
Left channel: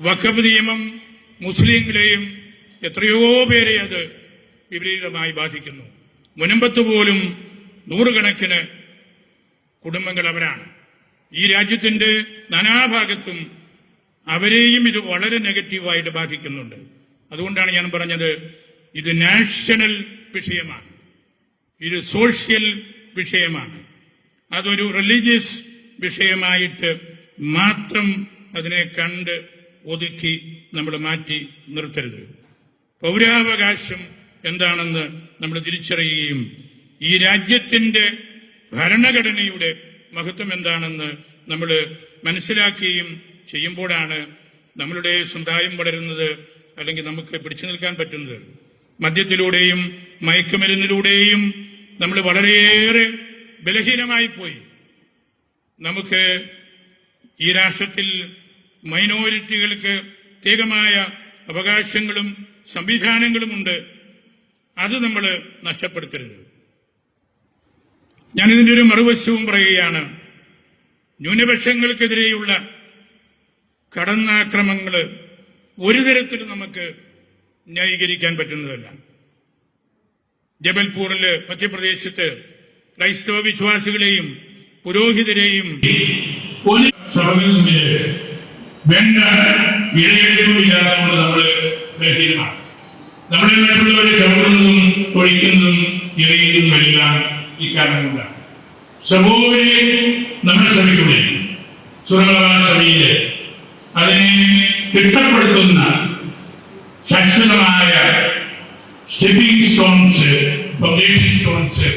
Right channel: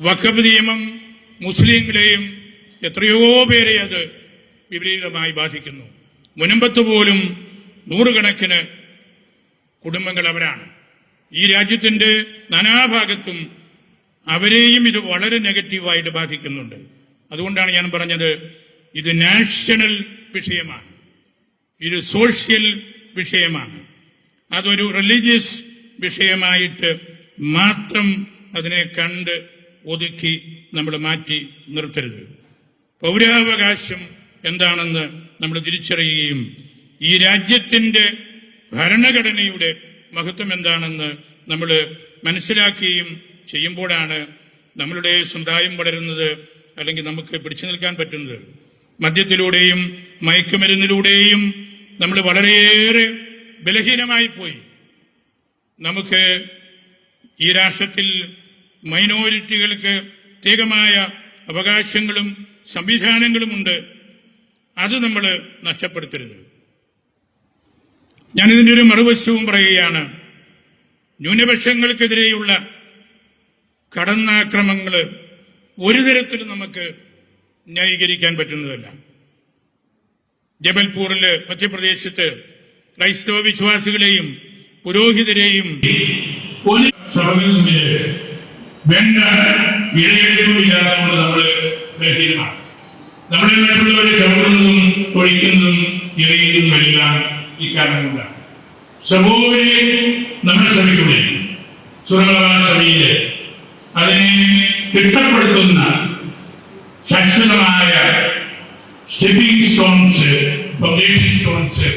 വഖഫ് നിയമം മുസ്ലിങ്ങളെയും എത്രയോ പേരെ അത് വിപരീതമായി ബാധിക്കുന്നു. മുനമ്പത്ത് പോലും നൂറുകണക്കിന് കുടുംബങ്ങൾ അവരാണ്. ഈ രാജ്യത്തിന്റെ നാനാഭാഗത്തും അവരെയും ഇത് വളരെ നെഗറ്റീവായിട്ട് ബാധിക്കുന്നുണ്ട്. അതുകൊണ്ടാണ് ഞാൻ പറഞ്ഞത്, ഇത് നാഷണൽ വിഷയമാണ്, ഇത് സോഷ്യൽ വിഷയമാണ്. അതൊരു റിലീജിയസ് വിഷയമായിട്ട് മാത്രം അതിനെ കണ്ട് ഒതുക്കി നമ്മൾ മാറ്റി നിർത്തരുത്. പൗരാവകാശം എന്താണെന്ന് നമ്മൾ തിരിച്ചറിയുകയും ഈ രാജ്യത്തിന്റെ ഭരണഘടനയുടെ മഹത്വം എന്താണെന്ന് നമ്മൾ മനസ്സിലാക്കുകയും ചെയ്യുമ്പോഴാണ് നമ്മളുടെ സമുദായം വളരുന്നത്, അല്ലെങ്കിൽ നമുക്ക് പിടിച്ചു നിൽക്കാൻ പറ്റുന്നത്. മദ്യത്തിലൂടെയും മയക്കുമരുന്നിലൂടെയും നമ്മൾ വളരെയേറെ ബലഹീനമായി പോയി. നമുക്ക് ഈ രാഷ്ട്രത്തിൽ മൈനോറിറ്റികൾക്ക് പ്രത്യേകമായ അവകാശങ്ങളും സംവിധാനങ്ങളുമുണ്ട്. അത് നമ്മൾ നഷ്ടപ്പെടുത്തരുത്. ഞാനിതിൻ്റെ ഒരു മറുവശവും പറയുകയാണ്. ന്യൂനപക്ഷങ്ങൾക്കെതിരെയുള്ള കടന്നാക്രമങ്ങൾ ഒരു തരത്തിലും നമുക്ക് ന്യായീകരിക്കാൻ പറ്റുന്നതല്ല. ജബൽപൂരില് മധ്യപ്രദേശത്ത് ക്രൈസ്തവ വിശ്വാസികളെയും പുരോഹിതരെയും വേണ്ട ഇടയെടുപ്പില്ലാതെ നമ്മൾ ബലഹീനമാണ്. നമ്മളെ മറ്റുള്ളവരെ ചവിട്ടുന്നതും തൊഴിക്കുന്നതും എറിയുന്നതുമെല്ലാം ഇക്കാരണം കൊണ്ടാണ്. സമൂഹത്തിലെ നമ്മുടെ സഭയുടെ സുരക്ഷാ സഭയില് അതിനെ തിട്ടപ്പെടുത്തുന്ന ശാശ്വതമായ സ്റ്റെപ്പിംഗ് സ്റ്റോൺസ്, ഫൗണ്ടേഷൻ സ്റ്റോൺസ്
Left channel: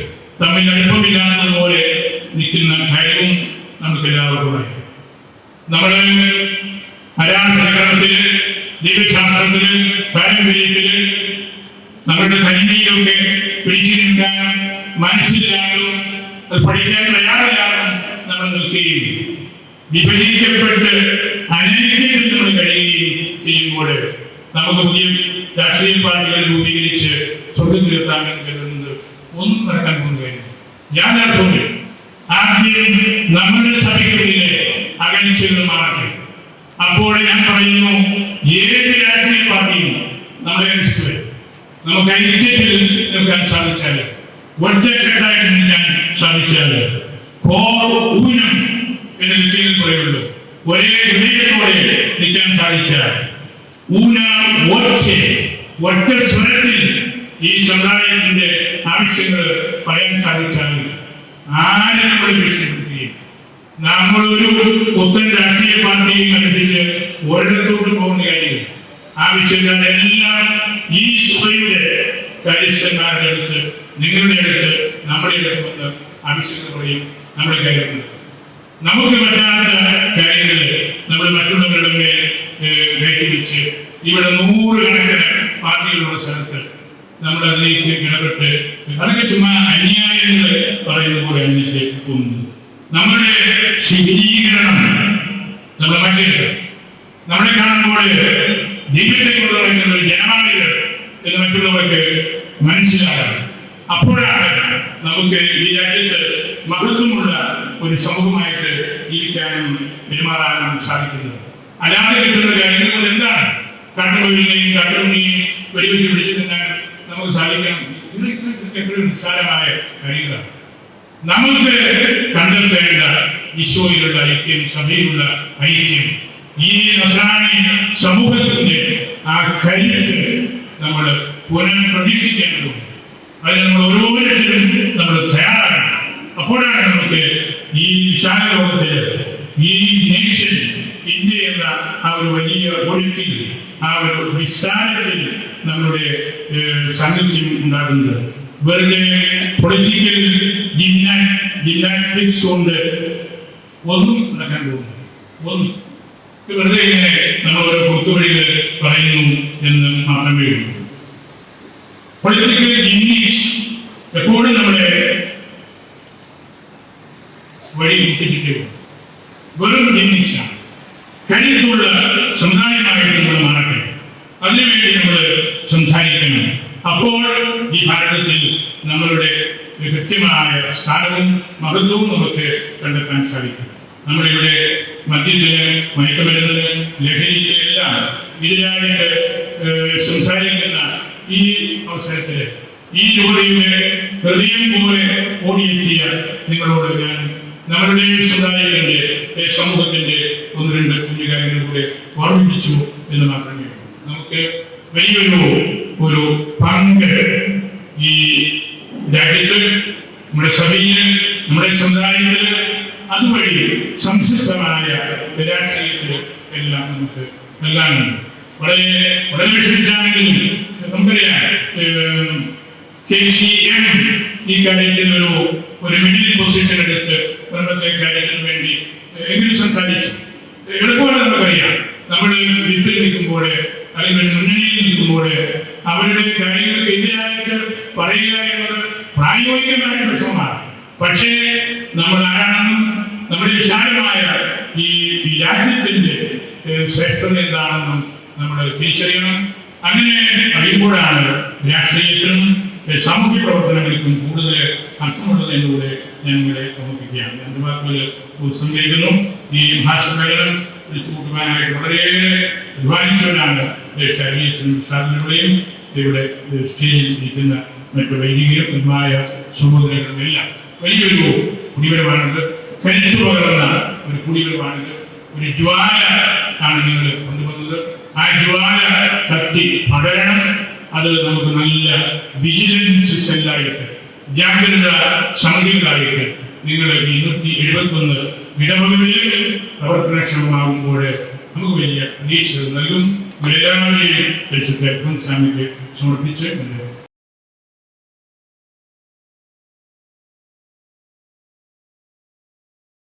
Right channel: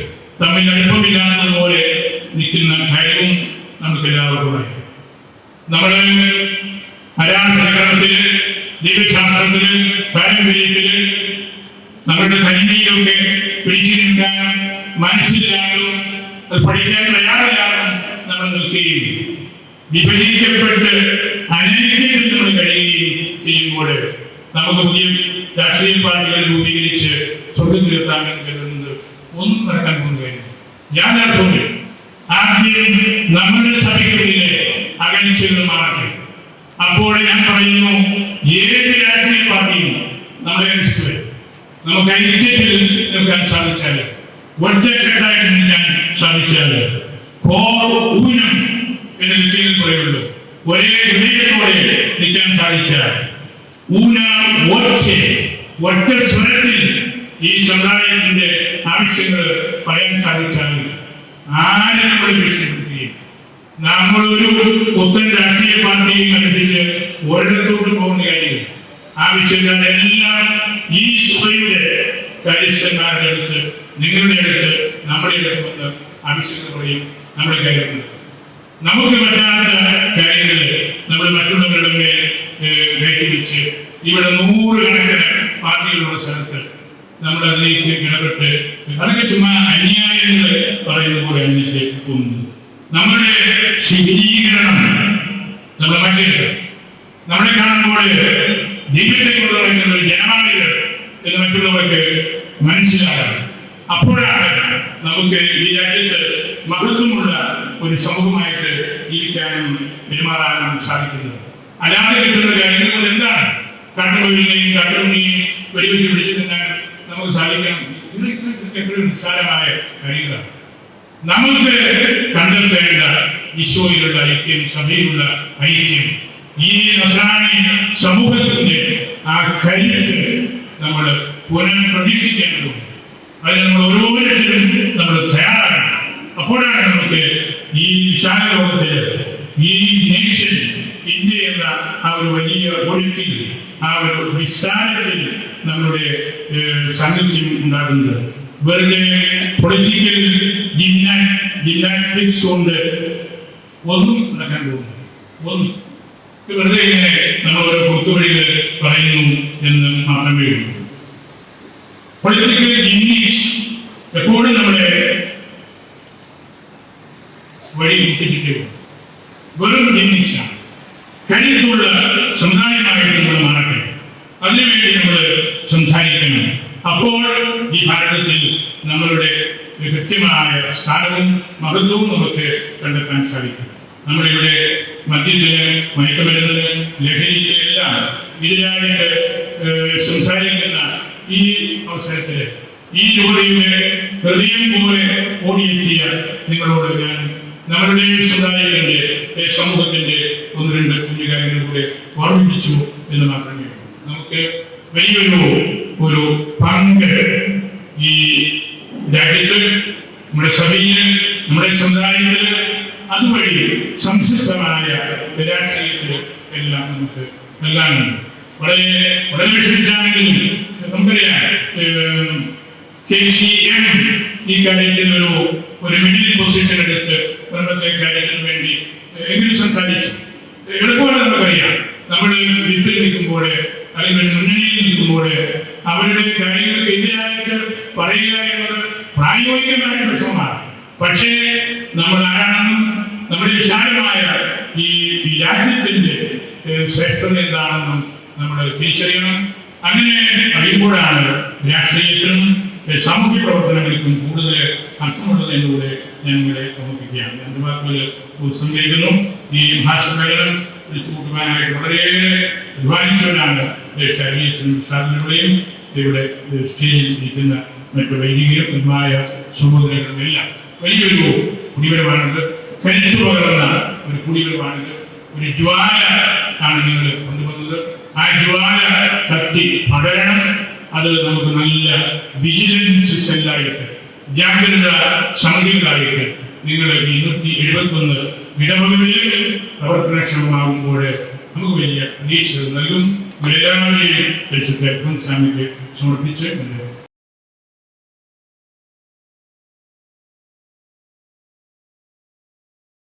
തമ്മിൽ അടുപ്പമില്ലാത്തത് പോലെ നിൽക്കുന്ന കാര്യവും നമുക്ക് എല്ലാവർക്കും നമ്മള് ആരാധനക്രമത്തില്, ദൈവശാസ്ത്രത്തില്, പാരമ്പര്യത്തില് നമ്മുടെ സൈനികയൊക്കെ പിടിച്ചു നിൽക്കാൻ മനസ്സിലാകും, അത് പഠിക്കാൻ തയ്യാറില്ലാതെ നമ്മൾ നിൽക്കുകയും വിഭജിക്കപ്പെട്ട് അനൈക്യത്തിൽ നമ്മൾ കഴിയുകയും ചെയ്യുമ്പോൾ നമുക്ക് പുതിയ രാഷ്ട്രീയ പാർട്ടികൾ രൂപീകരിച്ച് സ്വർഗത്തിലെത്താമെന്ന് കരുതുന്നത് ഒന്നും നടക്കാൻ പോകുകയില്ല. ഞാൻ നടത്തുന്നു ആദ്യം നമ്മുടെ സഭയ്ക്കുള്ളിലെ അകൽച്ചകൾ മാറട്ടെ. അപ്പോൾ ഞാൻ പറയുന്നു, ഏത് രാഷ്ട്രീയ പാർട്ടിയും നമ്മളെ അനുസരിച്ച് നമുക്ക് ഐക്യത്തിൽ നിൽക്കാൻ സാധിച്ചാൽ, ഒറ്റക്കെട്ടായിട്ട് നിൽക്കാൻ സാധിച്ചാൽ, ഊനം എന്ന് വിഷയം പറയുള്ളൂ, ഒരേ ഹൃദയത്തോടെ നിൽക്കാൻ സാധിച്ചാൽ, ഒറ്റ സ്വരത്തിൽ ഈ സമുദായത്തിന്റെ ആവശ്യങ്ങൾ പറയാൻ സാധിച്ചാൽ, ആരെ നമ്മൾ ഭീഷണിപ്പെടുത്തുകയും നമ്മളൊരു പുത്തൻ രാഷ്ട്രീയ പാർട്ടിയും കണ്ടിട്ട് ഒരിടത്തോട്ട് പോകുന്ന കാര്യം ആവശ്യക്കാരെല്ലാം ഈ സഭയുടെ കാര്യസ്ഥന്മാരുടെ അടുത്ത്, നിങ്ങളുടെ അടുത്ത്, നമ്മുടെ അടുത്ത് വന്ന് ആവശ്യങ്ങൾ പറയും. നമ്മുടെ കാര്യങ്ങൾ നമുക്ക് പറ്റാത്ത കാര്യങ്ങൾ നമ്മൾ മറ്റുള്ളവരുടെ മേൽ കയറ്റിവെച്ച് ഇവിടെ 100 കണക്കിന് പാർട്ടികളുള്ള സ്ഥലത്ത് നമ്മൾ അതിലേക്ക് ഇടപെട്ട് അതൊക്കെ ചുമ്മാ അന്യായങ്ങൾ പറയുന്ന പോലെ അതിലേക്ക് പോകുന്നത്. നമ്മുടെ ശിഥിലീകരണം നമ്മളെ മറ്റേത് നമ്മളെ കാണുമ്പോൾ ദൈവത്തെക്കുറിച്ച് പറയുന്നത് ജനമാളികൾ എന്ന് മറ്റുള്ളവർക്ക് മനസ്സിലാകാം. അപ്പോഴാണ് നമുക്ക് ഈ രാജ്യത്ത് മഹത്വമുള്ള ഒരു സമൂഹമായിട്ട് ജീവിക്കാനും പെരുമാറാനും സാധിക്കുന്നത്. അല്ലാതെ കിട്ടുന്ന കാര്യങ്ങൾ എന്താണ്? കാട്ടുകൊല്ലിനെയും കാട്ടുണ്ണിയും വെടിവെച്ച് പിടിച്ചു നിന്നാൽ നമുക്ക് സാധിക്കണം. ഇതൊക്കെ എത്രയും നിസ്സാരമായ കാര്യങ്ങളാണ്. നമുക്ക് കണ്ടെത്തേണ്ട ഈശോയിലുള്ള ഐക്യം, സഭയിലുള്ള ഐക്യം, ഈ നസ്രാണി സമൂഹത്തിന്റെ ആ കരുത്ത് നമ്മൾ പുനഃപ്രതീക്ഷിക്കേണ്ടതുണ്ട്. അതിന് നമ്മൾ ഓരോരുത്തരും നമ്മൾ തയ്യാറാകണം. അപ്പോഴാണ് നമുക്ക് ഈ വിശാല ലോകത്തില് ഈ നേഷൻ ഇന്ത്യ എന്ന ആ ഒരു വലിയ ഒഴുക്കിൽ, ആ ഒരു വിസ്താരത്തിൽ നമ്മുടെ സാന്നിധ്യം ഉണ്ടാകുന്നത്. വെറുതെ പൊളിറ്റിക്കൽ ജിംനാസ്റ്റിക്സ് കൊണ്ട് ഒന്നും നടക്കാൻ പോകുന്നു. ഒന്നും വെറുതെ ഇങ്ങനെ നമ്മൾ ഓരോ കുത്തുവഴികൾ പറയുന്നു എന്ന് മാത്രമേ ഉള്ളൂ. പൊളിറ്റിക്കൽ ജിംനിക്സ് എപ്പോഴും നമ്മളെ വഴി മുട്ടിച്ചിട്ടേ വെറും ജിംനിക്സാണ്. കരുത്തുള്ള സമുദായമായിട്ട് നമ്മൾ മാറട്ടെ. അതിനുവേണ്ടി നമ്മൾ സംസാരിക്കണം. അപ്പോൾ ഈ ഭാരതത്തിൽ നമ്മളുടെ കൃത്യമായ സ്ഥാനവും മഹത്വവും നമുക്ക് കണ്ടെത്താൻ സാധിക്കും. നമ്മളിവിടെ മദ്യത്തിന്, മയക്കുമരുന്നിന്, ലഹരിക്ക് എല്ലാം എതിരായിട്ട് സംസാരിക്കുന്ന ഈ അവസരത്തിൽ ഈ ജോലിയുടെ ഹൃദയം പോലെ ഓടിയെത്തിയ നിങ്ങളോട് ഞാൻ നമ്മളുടെ സമുദായത്തിന്റെ സമൂഹത്തിന്റെ 1-2 കുഞ്ഞു കാര്യങ്ങൾ കൂടെ ഓർമ്മിപ്പിച്ചു എന്ന് മാത്രമേ. നമുക്ക് വലിയൊരു പങ്ക് ഈ രാജ്യത്ത്, നമ്മുടെ സഭയില്, നമ്മുടെ സമുദായത്തില്, അതുവഴി സംശുദ്ധമായ രാഷ്ട്രീയത്തിൽ എല്ലാം നമുക്ക് നൽകാനുണ്ട്. വളരെ വളരെ വിഷമിച്ചാണെങ്കിലും നമുക്കറിയാം, KCM ഈ കാര്യത്തിൽ ഒരു മിഡിൽ പൊസിഷൻ എടുത്ത് മുൻപത്തെ കാര്യത്തിന് വേണ്ടി എങ്കിലും സംസാരിച്ചു. എളുപ്പമാണ്. നമുക്കറിയാം, നമ്മൾ വിപ്പിൽ നിൽക്കുമ്പോൾ അല്ലെങ്കിൽ മുന്നണിയിൽ നിൽക്കുമ്പോൾ അവരുടെ കാര്യങ്ങൾക്ക് എതിരായിട്ട് പറയുക എന്നത് പ്രായോഗികമായ വിഷമമാണ്. പക്ഷേ നമ്മൾ ആരാണെന്നും നമ്മുടെ വിശാലമായ ഈ രാജ്യത്തിന്റെ ശ്രേഷ്ഠത എന്താണെന്നും നമ്മൾ തിരിച്ചറിയണം. അങ്ങനെ അറിയുമ്പോഴാണ് രാഷ്ട്രീയത്തിനും സാമൂഹ്യ പ്രവർത്തനങ്ങൾക്കും കൂടുതൽ അർത്ഥമുള്ളത് എന്നൂടെ ഞാൻ നിങ്ങളെ ഓർമ്മിപ്പിക്കുകയാണ്. എൻ്റെ വാക്കുകൾ ഉപസംഹരിക്കുന്നു. ഈ മഹാസമ്മേളനം വിളിച്ചു കൂട്ടുവാനായിട്ട് വളരെയേറെ അധ്വാനിച്ചവരാണ് സാധനങ്ങളെയും ഇവിടെ സ്റ്റേജിൽ ഇരിക്കുന്ന മറ്റു വൈദികമായ സഹോദരങ്ങളും എല്ലാം. വലിയൊരു കുടിവരവാണിത്, കരുത്തു പകർന്ന ഒരു കുടിവരവാണിത്. ഒരു ജ്വാല ആണ് നിങ്ങൾ കൊണ്ടുവന്നത്. ആ ജ്വാല കത്തി പടരണം. അത് നമുക്ക് നല്ല വിജിലൻസ് സെല്ലായിട്ട്, ജാഗ്രത സമിതികളായിട്ട് നിങ്ങൾ 271 ഇടവകളിൽ പ്രവർത്തനക്ഷമമാകുമ്പോൾ നമുക്ക് വലിയ പ്രതീക്ഷകൾ നൽകും. ഇവരെല്ലാവരെയും പരിശുദ്ധ സ്വാമിക്ക് സമർപ്പിച്ച്